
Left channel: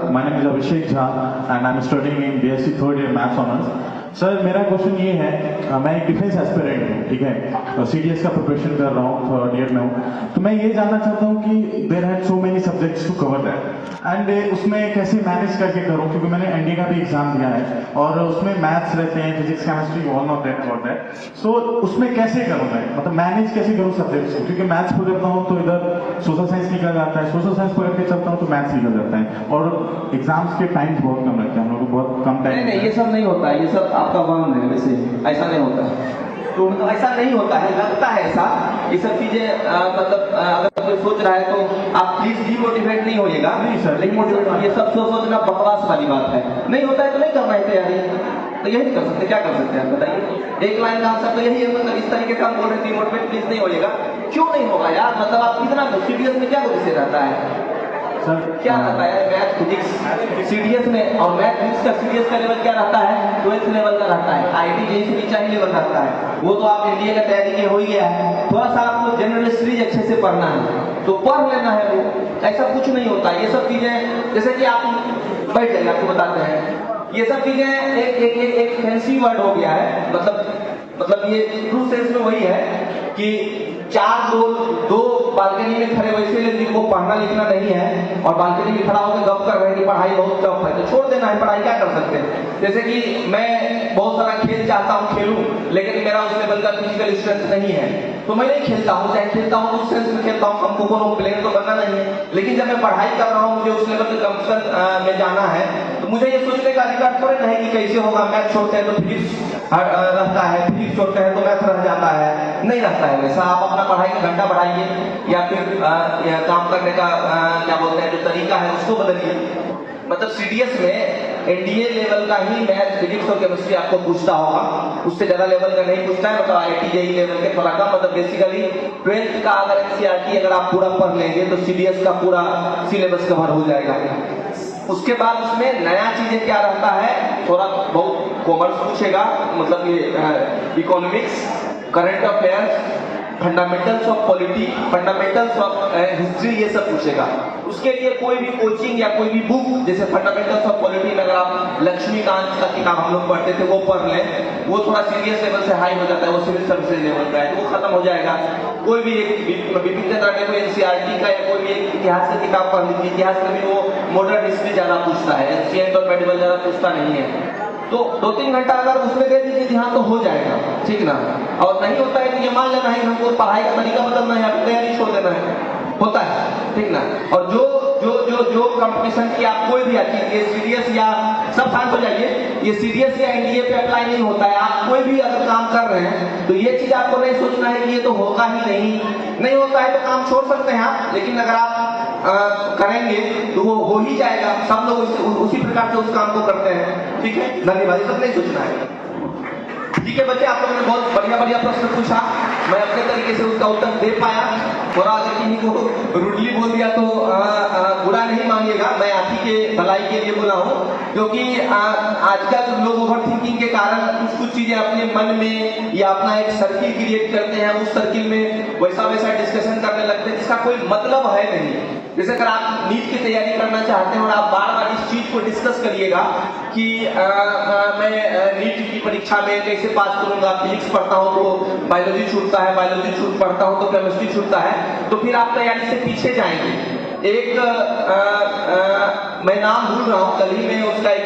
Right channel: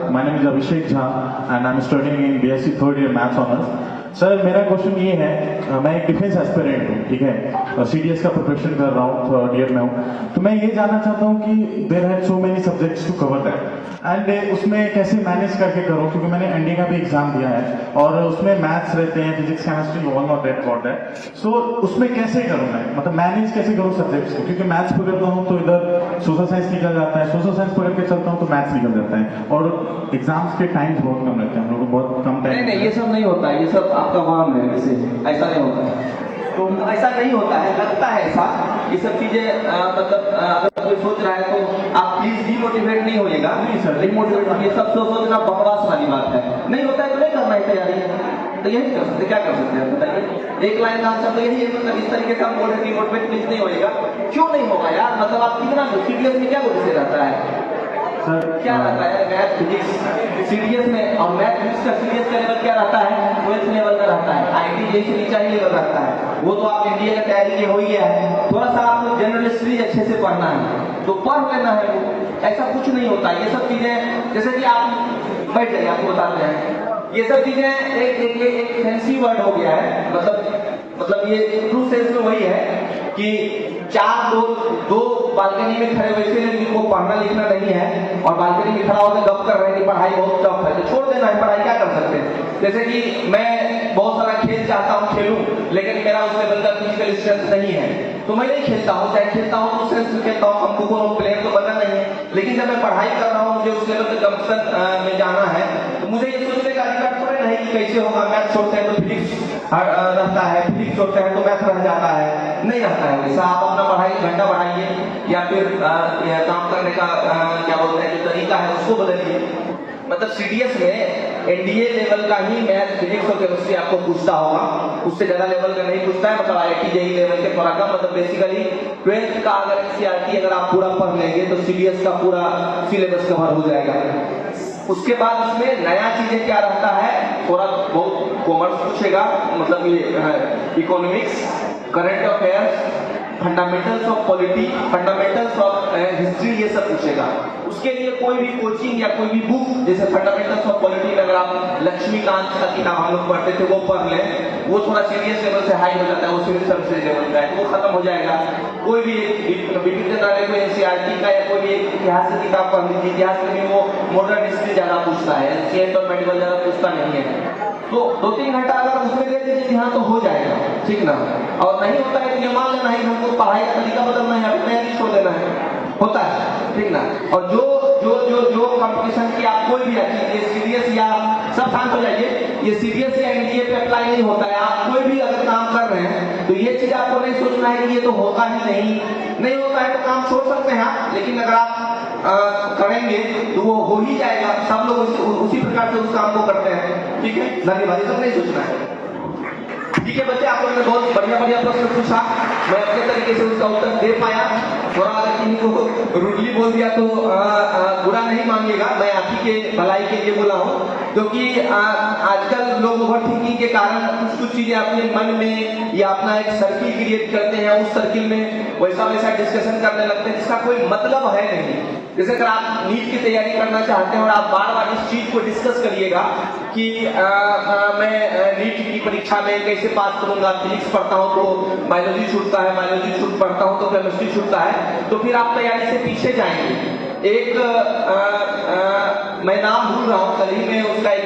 my name is Abhishek Jha and I'm studying in BSc 3rd year Maths Honours. Sir मेरा क्वेश्चन ये है, मैं एक डिफेंस एस्पिरेंट हूँ, ठीक है, सीडीएस का प्रिपरेशन कर रहा हूँ, 3rd ईयर में हूँ। तो मैं ये जानना चाहता हूँ कि there have so many subjects to cover that and उसमें कैसे मैनेज करके करूँ, क्योंकि मैंने एनडी का भी एग्जाम दिया है और उसमें मैथ्स रहते हैं, physics chemistry all of that got that. So उसमें कैसे करूँ मैं, मतलब मैनेज कैसे करूँ सब्जेक्ट्स को, क्योंकि मैथ्स पूरे करता हूँ तो इधर सोशल साइंस निकल जाता है, सोशल साइंस पढ़ के चलता हूँ तो मैथ्स निकल जाता है और एग्जाम्स के टाइम्स बहुत कम रहते हैं, हम लोग को बहुत कम टाइम। नहीं ये सब नहीं होता है, ये सब आपका वाम है, वैसे ऐसा नहीं होता है। तो ऐसा नहीं होता है, लगता है ऐसा। ये सब चीजें मतलब अगर कोई सोच रहा है तो आप प्लीज डीमोटिवेट नहीं होइएगा। नहीं सर, नहीं मोटिवेट, ये सब सोचना बकवास वाली बात है। नहीं होता है तो नहीं करना है तैयारी, तो यही कर सकते, क्या कर सकते हैं आप बताइए। एक लाइन का आंसर तो यही है, मतलब इस तरीके से हम बोल रहे हैं डीमोटिवेट प्लीज नहीं होइएगा। क्यों नहीं होगा यार, मतलब आप कितना सीडीएस में क्या विषय रहता है, सर क्या रहता है मैथ फिजिक्स सीडीएस में, और मैथ फिजिक्स का सीडीएस का लेवल क्या रहता है, 12th लेवल का रहता है। आईटी जैसे नीचा ही लेवल रहता है, वो तो आप एनडीए का तैयारी के हो ही गया है। थोड़ा सा आपको जनरल स्टडीज अच्छे से पढ़ना है तो पढ़ लेना है, वो ऐसा कुछ नहीं होता। ये सब चीजें जैसे कि आप बैठ जाइए, आपको बताते हैं, ये सब चीजें एक फैंसी वर्ड हो गया है। मतलब ये ट्रू सेंस में वही है कि चार दो बालकनी में खड़े वैसे जिनको पढ़ना लिखना नहीं है और बालकनी में खड़ा होकर गप कर रहे हैं कि पढ़ाई बहुत टफ है, तो छोड़ देना है पढ़ाई, क्या कर सकते हैं। जैसे कि मैं बहुत सारा खेल चाहता हूँ खेलूं, लेकिन मेरा उस लेवल का फिजिकल स्ट्रेंथ नहीं है तो मैं नहीं खेलता हूँ, चाहे खेलता हूँ तो सेंस में खेलता हूँ, हमको कोनो प्लेयर तो बनना नहीं है। लेकिन जब मैं पढ़ाई कर रहा हूँ, मुझे उस लेवल के कंपटीशन में जाना है, तो मुझे ये सोचने का अधिकार थोड़े नहीं कि कैसे होगा, मैथ छोड़ते हैं तो फिजिक्स रहता है, फिजिक्स छोड़ते हैं तो मैथ रह जाता है, नहीं रहता है वैसा। आप अपना पढ़ाई का घंटा बढ़ाइए या फिर काम करने का क्या बोलते हैं जो तरीका है उसको बदलिए। मतलब सीडीएस में एनडीए लेवल का ही मैथ फिजिक्स और केमिस्ट्री आपको पूछता होगा, उससे ज्यादा लेवल का नहीं पूछता है। मतलब आईआईटी जेईई लेवल के थोड़ा कम, मतलब बेसिकली 12th का अगर एनसीईआरटी अगर आप पूरा पढ़ लेंगे तो सीडीएस का पूरा सिलेबस कवर हो जाएगा। उसके बाद उसमें नया चीजें क्या रहता है, थोड़ा बहुत कॉमर्स पूछेगा, मतलब ये economics, current affairs, fundamentals of polity, fundamentals of history, ये सब पूछेगा। उसके लिए कोई भी कोचिंग या कोई भी बुक, जैसे फंडामेंटल्स ऑफ पॉलिटी में अगर आप लक्ष्मीकांत का किताब हम लोग पढ़ते थे वो पढ़ लें, वो थोड़ा सीरियस लेवल से हाई हो जाता है, वो सिविल सर्विसेज लेवल का है, वो खत्म हो जाएगा। कोई भी बिपिन चंद्र ने कोई एनसीईआरटी का या कोई भी इतिहास की किताब पढ़ लीजिए, इतिहास में भी वो मॉडर्न हिस्ट्री ज्यादा पूछता है, एंशिएंट और मेडिवल ज्यादा पूछता नहीं है। तो 2-3 घंटा अगर उसमें दे दीजिए कि हाँ तो हो जाएगा, ठीक ना। और नहीं होता है तो मान लेना है हमको पढ़ाई का तरीका बदलना है, अपने तैयारी छोड़ देना है, होता है, ठीक ना। और जो जो जो जो कंपटीशन की आप कोई भी आती है, सीडीएस या सब शांत हो जाइए, ये सीडीएस या एनडीए पे अप्लाई नहीं होता है। आप कोई भी अगर काम कर रहे हैं तो ये चीज आपको नहीं सोचना है कि ये तो होगा ही नहीं होता है तो काम छोड़ सकते हैं आप, लेकिन अगर आप करेंगे तो वो हो ही जाएगा। सब लोग उसी प्रकार से उस काम को करते हैं, ठीक है। धन्यवाद, सब नहीं सोचना है, ठीक है बच्चे। आप लोगों ने बहुत बढ़िया प्रश्न पूछा, मैं अपने तरीके से उसका उत्तर दे पाया। थोड़ा अगर किसी को रूडली बोल दिया तो बुरा नहीं मानिएगा, मैं आप ही के भलाई के लिए बोला हूँ, क्योंकि आजकल लोग ओवर थिंकिंग के कारण कुछ चीजें अपने मन में या अपना एक सर्किल क्रिएट करते हैं, उस सर्किल में वैसा डिस्कशन करने लगते हैं जिसका कोई मतलब है नहीं। जैसे अगर आप नीट की तैयारी करना चाहते हैं और आप बार बार इस चीज को डिस्कस करिएगा कि मैं नीट की परीक्षा में कैसे पास करूंगा, फिजिक्स पढ़ता हूँ तो बायोलॉजी छूटता है, बायोलॉजी पढ़ता हूँ तो केमिस्ट्री छूटता है, तो फिर आप तैयारी से पीछे जाएंगे। एक मैं नाम भूल रहा हूँ, कल ही मैं उसका एक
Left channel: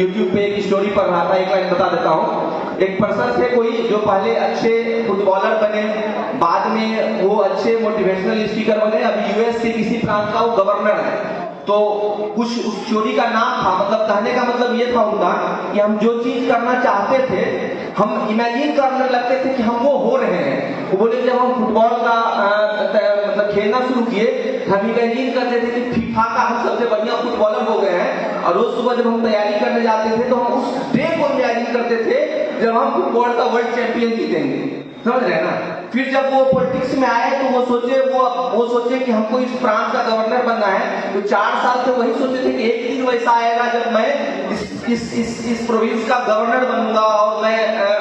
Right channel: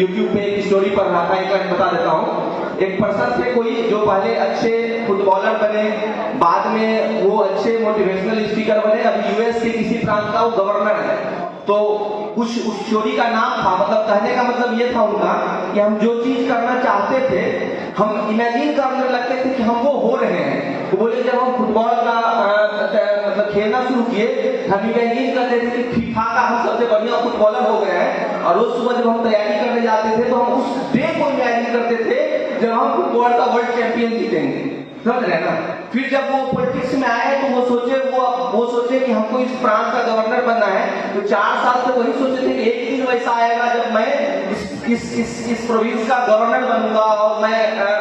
यूट्यूब पे एक स्टोरी पढ़ रहा था, एक लाइन बता देता हूँ। एक पर्सन थे कोई जो पहले अच्छे फुटबॉलर बने, बाद में वो अच्छे मोटिवेशनल स्पीकर बने, अभी यूएस के किसी प्रांत का वो गवर्नर है। तो कुछ उस स्टोरी का नाम था, मतलब कहने का मतलब ये था उनका कि हम जो चीज करना चाहते थे हम इमेजिन करने लगते थे कि हम वो हो रहे हैं। वो बोले जब हम फुटबॉल का मतलब खेलना शुरू किए, हम इमेजिन करते थे कि फीफा का हम सबसे बढ़िया फुटबॉलर हो गए हैं, और रोज सुबह जब हम तैयारी करने जाते थे तो हम उस डे को इमेजिन करते थे जब हम फुटबॉल का वर्ल्ड चैंपियन जीतेंगे, समझ रहे ना। फिर जब वो पॉलिटिक्स में आए तो वो सोचे कि हमको इस प्रांत का गवर्नर बनना है, तो 4 साल से वही सोचे थे कि एक दिन वैसा आएगा जब मैं इस प्रोविंस का गवर्नर बनूंगा और मैं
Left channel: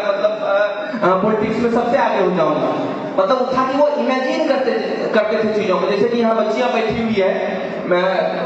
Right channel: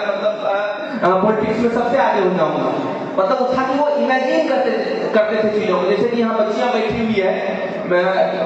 मतलब पॉलिटिक्स में सबसे आगे हो जाऊंगा। मतलब था कि वो इमेजिन करते थे चीजों को। जैसे कि यहाँ बच्चियां बैठी हुई है, मैं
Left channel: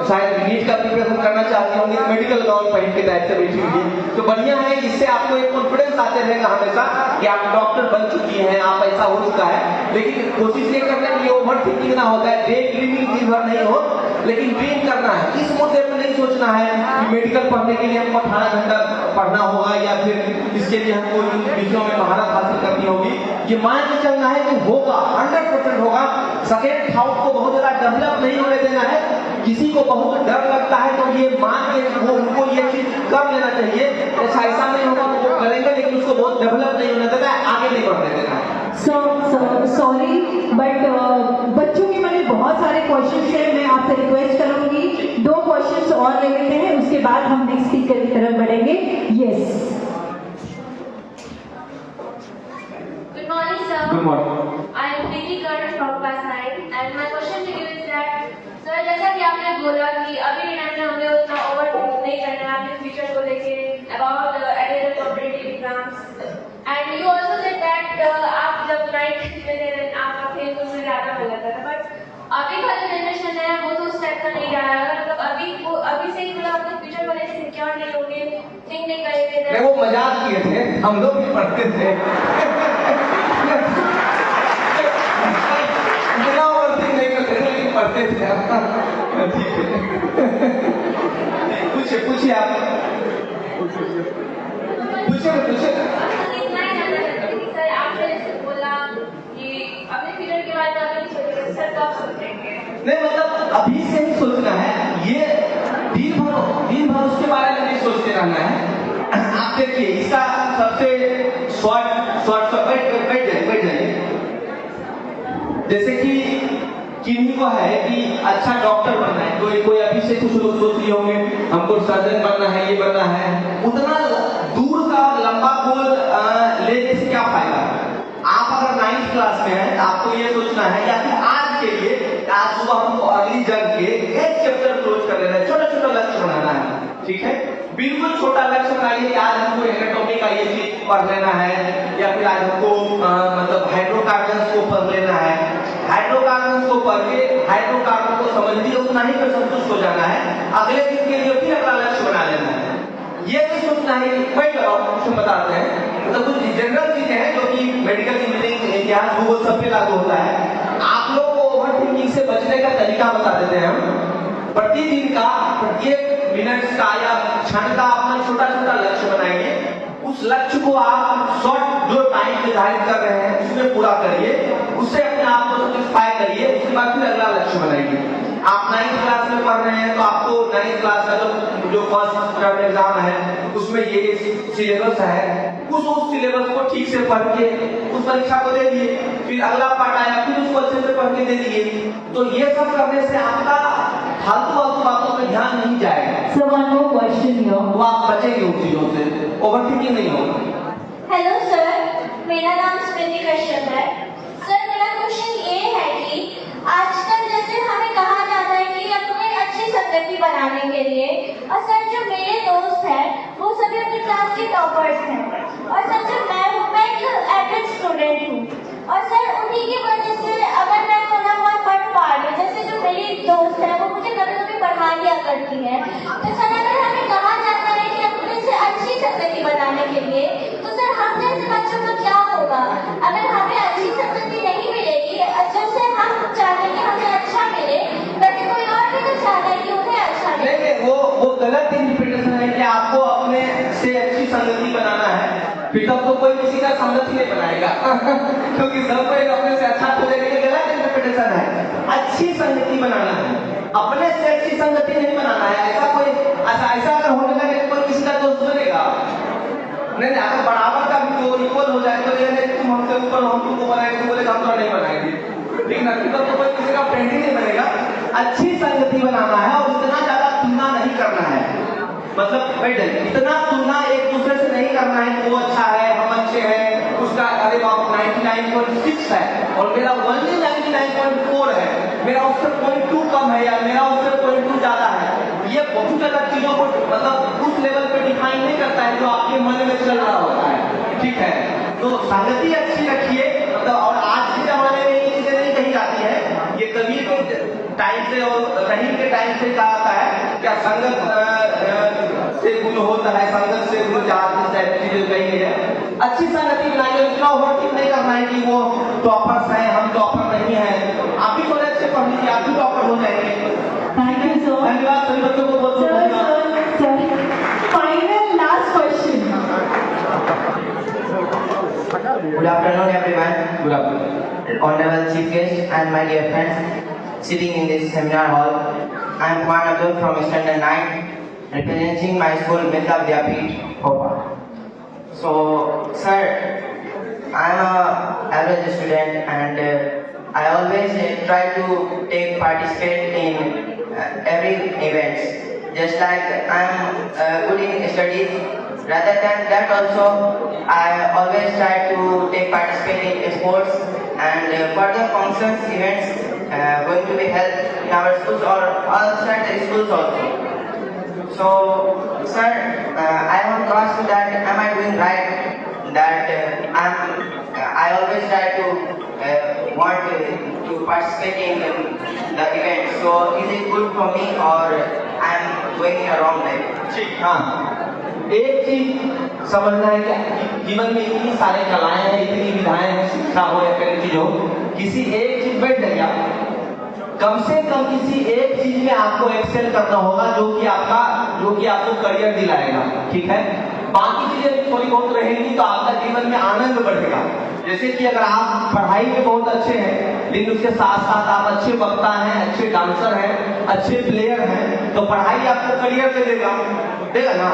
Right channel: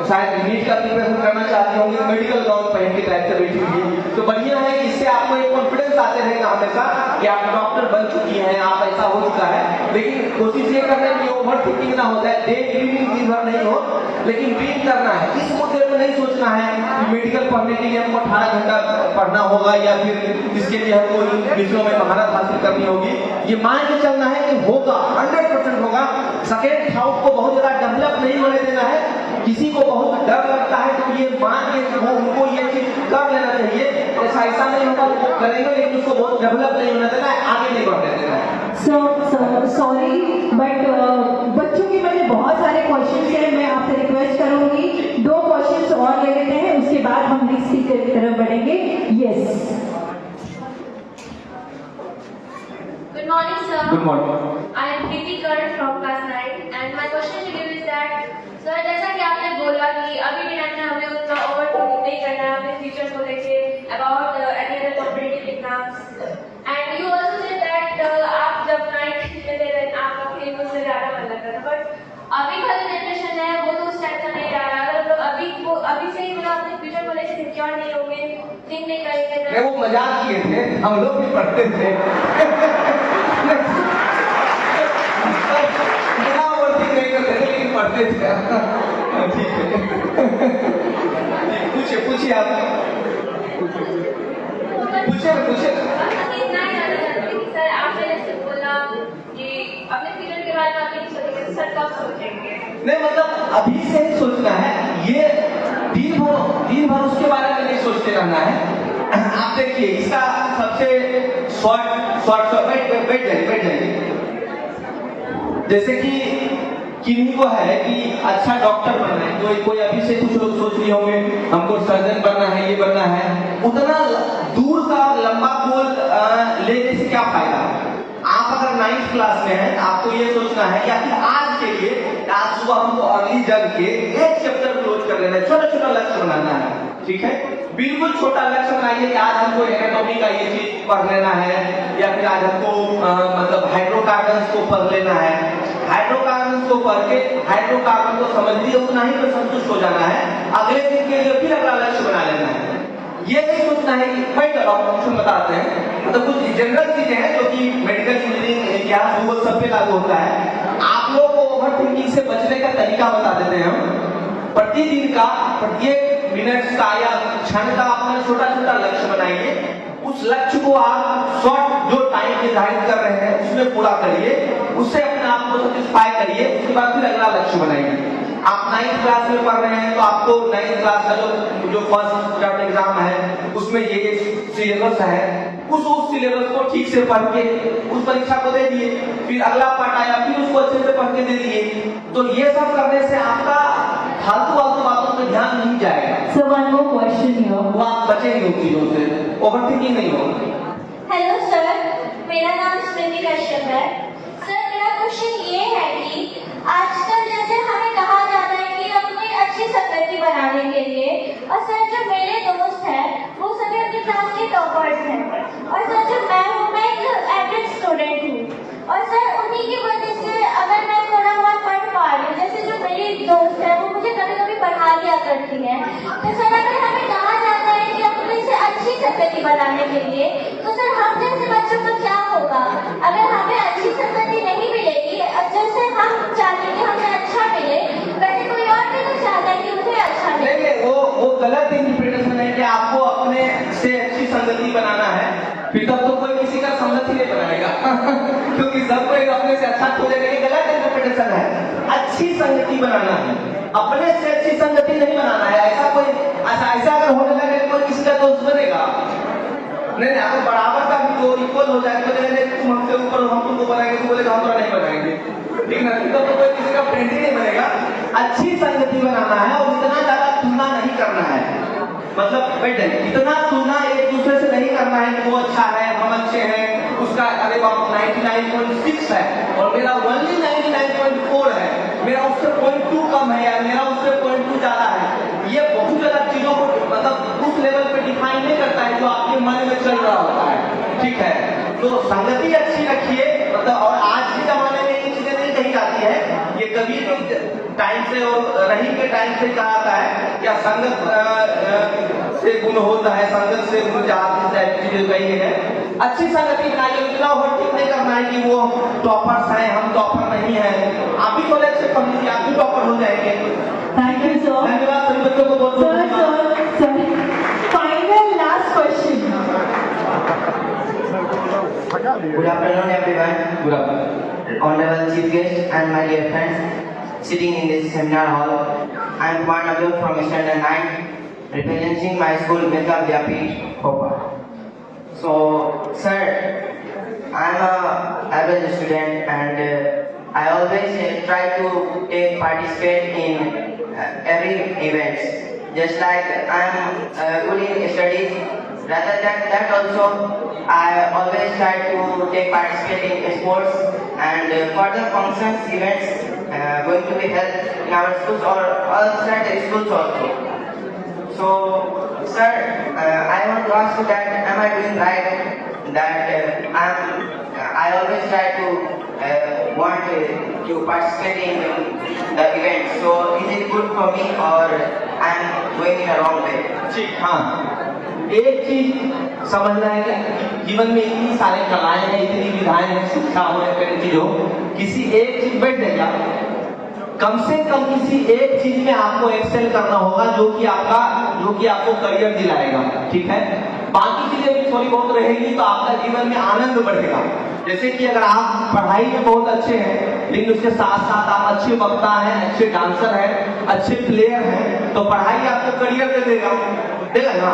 शायद नीट का प्रिपरेशन करना चाहती होंगी, मेडिकल गाउन पहन के टाइप से बैठी हुई है, तो बढ़िया है, इससे आपको एक कॉन्फिडेंस आते रहेगा हमेशा कि आप डॉक्टर बन चुकी हैं, आप ऐसा हो चुका है। लेकिन कोशिश ये करना है कि ओवर थिंकिंग ना होता है, डे ड्रीमिंग दिन भर नहीं हो, लेकिन ड्रीम करना है, इस मुद्दे पर नहीं सोचना है कि मेडिकल पढ़ने के लिए हमको 18 घंटा पढ़ना होगा या फिर इसके लिए हमको विषयों में महारत हासिल करनी होगी। ये मान के चलना है कि होगा, 100% होगा। सेकेंड थाउट को बहुत ज्यादा डेवलप नहीं होने देना है। किसी को बहुत डर लगता है तो ये मान के वो उनको ये चीज कर लेना चाहिए। ऐसा नहीं होगा तो वो करेंगे, लेकिन उसको बहुत डेवलप नहीं होने देना है, आगे नहीं बढ़ने देना है। सॉरी बट बच्चों के मैंने बहुत सारे क्वेश्चंस हैं, मैं आपसे रिक्वेस्ट करूंगी 2 क्वेश्चंस और ले लेते हैं, उसके बाद हम नेक्स्ट स्पीकर की तरफ बढ़ेंगे। Yes, Good morning, sir. Good morning. I am Preeti Karan from class 9, and my question to you is that, sir, जैसा कि आपने बोला कि अभी के टाइम में हमें उतना ओवरथिंक नहीं करना है अपने फ्यूचर को लेके about attendance competitive exams, and you also said that आप जब 9th में थे then आपका खेल कूद में ज्यादा मन लगता था, but अभी का जो जनरेशन है वो तो उस टाइप से नहीं रहा है। अगर मतलब अभी से ही मतलब अपने फ्यूचर को लेके सिक्योर नहीं होगे, थिंक नहीं करेंगे, नहीं, वो मजाक किए थे, हम लोग भी पढ़ते थे। इतना ओवरथिंक नहीं करते थे, लेकिन पढ़ते थे। ठीक है, पूछिए आप, पूछिए ना। इतना ही जानना चाहती थी सर, आपने जैसे बोला कि अपने फ्यूचर के बारे में आप नहीं सोचेंगे, सर कब सोचेंगे? नहीं, मतलब अभी से ही सोचना है, ये दिन भर उसके बारे में नहीं सोचते रहना है। आप देखिए, इसका सबसे शॉर्ट बैठ जाइए। जैसे कि किन्हीं को है कि अच्छा डॉक्टर बनना है, कोई अभी से कुछ लोग सोच रहे होंगे हमको सर्जन बनना है, ये बनना है। उतना दूर का लंबा गोल लेने से क्या फायदा है? आप अगर 9th क्लास में हैं, आपको ये सोचना है या फिर आज के लिए, आज सुबह हमको अर्ली जग के एक चैप्टर क्लोज कर लेना है, छोटा लक्ष्य बनाना है। ठीक है, बिल्कुल छोटा लक्ष्य बनाइए कि आज हमको एनाटॉमी का ये चीज पढ़ लेना है, या फिर आज हमको मतलब हाइड्रोकार्बन्स को पढ़ लेना है। हाइड्रोकार्बन को पढ़ के हाइड्रोकार्बन को समझ लिया, उतना ही पर संतुष्ट हो जाना है। अगले दिन के लिए फिर अगला लक्ष्य बना लेना है। ये नहीं सोचना है कि वही ऑप्शन बताते हैं, मतलब कुछ जनरल चीजें हैं जो कि मेडिकल इंजीनियरिंग, इतिहास, भूगोल सब पे लागू होता है। आप लोग को ओवर थिंकिंग से बचने का तरीका बता देते हैं हम। प्रतिदिन का प्रत्येक मिनट का या क्षण का अपना छोटा लक्ष्य बनाइए। उस लक्ष्य को आप शॉर्ट जो टाइम निर्धारित कर रहे हैं उसमें पूरा करिए, उससे अपने आप को सेटिस्फाई करिए। उसके बाद फिर अगला लक्ष्य बनाइए। आप 9th क्लास में पढ़ रहे हैं तो आपको 9th क्लास का जो फर्स्ट टर्म एग्जाम है उसमें ये सिलेबस है, उस सिलेबस को ठीक से पढ़ के उस परीक्षा को दे दिए। फिर अगला पार्ट आया, फिर उसको अच्छे से पढ़ के दे दिए। तो ये सब करने से आपका फालतू बातों पे ध्यान नहीं जाएगा। So one more question here. वो आप बचेंगे उन चीजों से, ओवरथिंकिंग नहीं होगी। हेलो सर, मेरा नाम स्मृति कश्यप है। सर, मेरा क्वेश्चन ये है कि आजकल जैसे हमें कहा जाता है कि अपने अच्छी संगति बनाने के लिए, और सर जो मेरे दोस्त हैं वो सभी अपनी क्लास के टॉपर्स हैं, और सर जो मैं एक एवरेज स्टूडेंट हूँ, और सर उन्हीं की वजह से अगर मैं थोड़ा बहुत पढ़ पा रही हूँ, जैसे जो मेरी दोस्त है वो मुझे कभी कभी पढ़ा दिया करती है, तो सर अगर हमें कहा जाता है कि अपने से अच्छी संगति बनाने के लिए, तो सर हम जैसे बच्चों का क्या होगा? अगर हमें अच्छी संगति नहीं मिलेगी, जैसे हम चाहते हैं कि हमें अच्छा मिले, वैसे कोई और भी तो चाहता है कि उन्हें अच्छा मिले। नहीं, वो गलत इंटरप्रिटेशन है कि आपको अपने से अच्छी संगति बनाना है, फिर तब तो कोई किसी का संगति नहीं बनाएगा। क्योंकि सब कोई अपने से अच्छा खोजेगा, ये गलत इंटरप्रिटेशन है। अच्छी संगति बनाना है, अपने से अच्छी संगति नहीं बनाना है। ऐसा अगर होने लगे तो कोई किसी का दोस्त बनेगा नहीं। अगर बराबर का भी तो इक्वल हो जाए तो तुम हमसे ऊपर, हम तुमको बनाएंगे, तुम बोलेगा हम तो नहीं बनाएंगे, ठीक ना? तो कोई किसी का फ्रेंड ही नहीं बनेगा। अच्छी संगति बनाना है और इतना ज्यादा तुलना नहीं करना है। मतलब बैठ जाइए, इतना तुलना एक दूसरे से नहीं करना है कि वो अच्छा है, हम अच्छे हैं, उसका अरे बाप 99.6 है और मेरा ओनली 99.4 है, मेरा उससे 0.2 कम है या मेरा उससे 0.2 ज्यादा है। ये बहुत ज्यादा चीजों को मतलब उस लेवल पे डिफाइन नहीं करता है जो आपके मन में चल रहा होता है। ठीक है, तो संगति अच्छी रखिए। मतलब और आज के जमाने में ये चीजें नहीं कही जाती है, ये कबीर के टाइम से और रहीम के टाइम से कहा जाता है क्या संगत से गुण होता है, संगत से गुण जाती चीजें कही गई है। अच्छी संगति बनाइए, उतना ओवरथिंक नहीं करना है कि वो टॉपर्स हैं, हम टॉपर नहीं है। आप भी थोड़े अच्छे पढ़ लीजिए, आप भी टॉपर हो जाएंगे। Thank Good afternoon. Honorable Chief Guest and my dear friends sitting in this seminar hall. I am Kumar Abdul from Standard 9, representing my school Vidya Vidyapeeth, Bhopal. So, sir, I am an average student and I always try to participate in every event. Just like I am good in studies, rather than that also, I always try to participate in sports and further functions, events going to be held in our schools or outside the schools also. So, sir, I want to ask you that am I doing right? That I always try to want to participate in the event. So, is it good for me or I am going in a wrong way? ठीक, हाँ, एक चीज समझना है कि जीवन में इतनी सारी कलाएं हैं, इतनी विधाएं हैं, शिक्षा हो या कोई चीज हो, किसी एक चीज बैठ जाएगा, कम से कम किसी एक चीज में आपको एक्सेल करना होगा जो कि आपको करियर दिलाएगा, ठीक है। बाकी चीजें भी थोड़ी बहुत रहेंगी तो आपका जीवन में आनंद बढ़ेगा। जैसे कि अगर आप पढ़ाई में बहुत अच्छे हैं लेकिन उसके साथ साथ आप अच्छे वक्ता हैं, अच्छे डांसर हैं, अच्छे प्लेयर हैं, तो पढ़ाई आपको करियर देगा ना।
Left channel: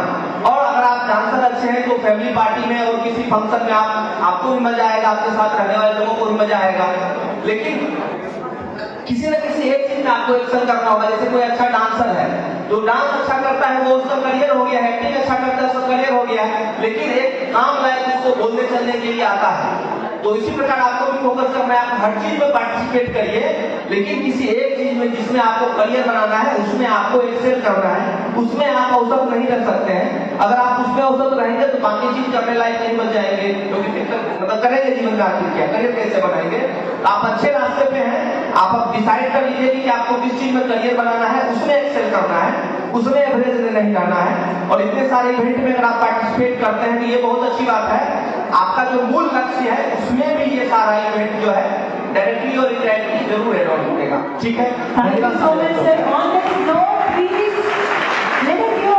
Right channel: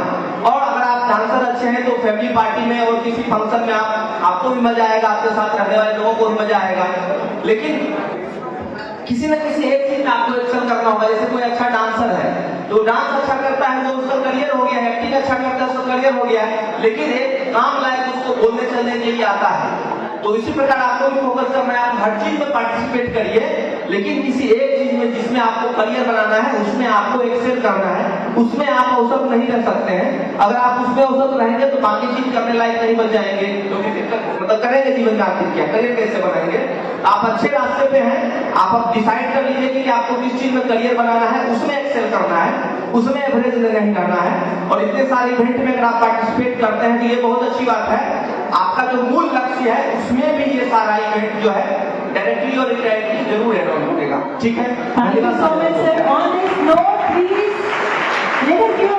और अगर आप डांसर अच्छे हैं तो फैमिली पार्टी में और किसी फंक्शन में आपको भी मजा आएगा, आपके साथ रहने वाले लोगों को भी मजा आएगा। लेकिन किसी न किसी एक चीज में आपको एक्शन करना होगा। जैसे कोई अच्छा डांसर है तो डांस अच्छा करता है वो उसका करियर हो गया है, एक्टिंग अच्छा करता है उसका करियर हो गया है, लेकिन एक काम लायक उसको बोलने चलने के लिए आता है। तो इसी प्रकार आपको भी फोकस करना है, आप हर चीज में पार्टिसिपेट करिए, लेकिन किसी एक चीज में जिसमें आपको करियर बनाना है उसमें आपको एक्सेल करना है, उसमें आप अवसर नहीं रख सकते हैं। अगर आप उसमें अवसर रहेंगे तो बाकी चीज करने लायक नहीं बन जाएंगे, क्योंकि फिर तक मतलब करेंगे जीवन में आप क्या करियर कैसे बनाएंगे। आप अच्छे रास्ते पे हैं, आप डिसाइड कर लीजिए कि आपको किस चीज में करियर बनाना है, उसमें एक्सेल करना है, उसमें एवरेज नहीं करना है। और इतने सारे इवेंट में अगर आप पार्टिसिपेट करते हैं तो ये बहुत अच्छी बात है। आपका जो मूल लक्ष्य है उसमें भी ये सारा इवेंट जो है डायरेक्टली और इनडायरेक्टली जरूर एड ऑन होगा, ठीक है। Thank you so much, sir. On this note, please let us give a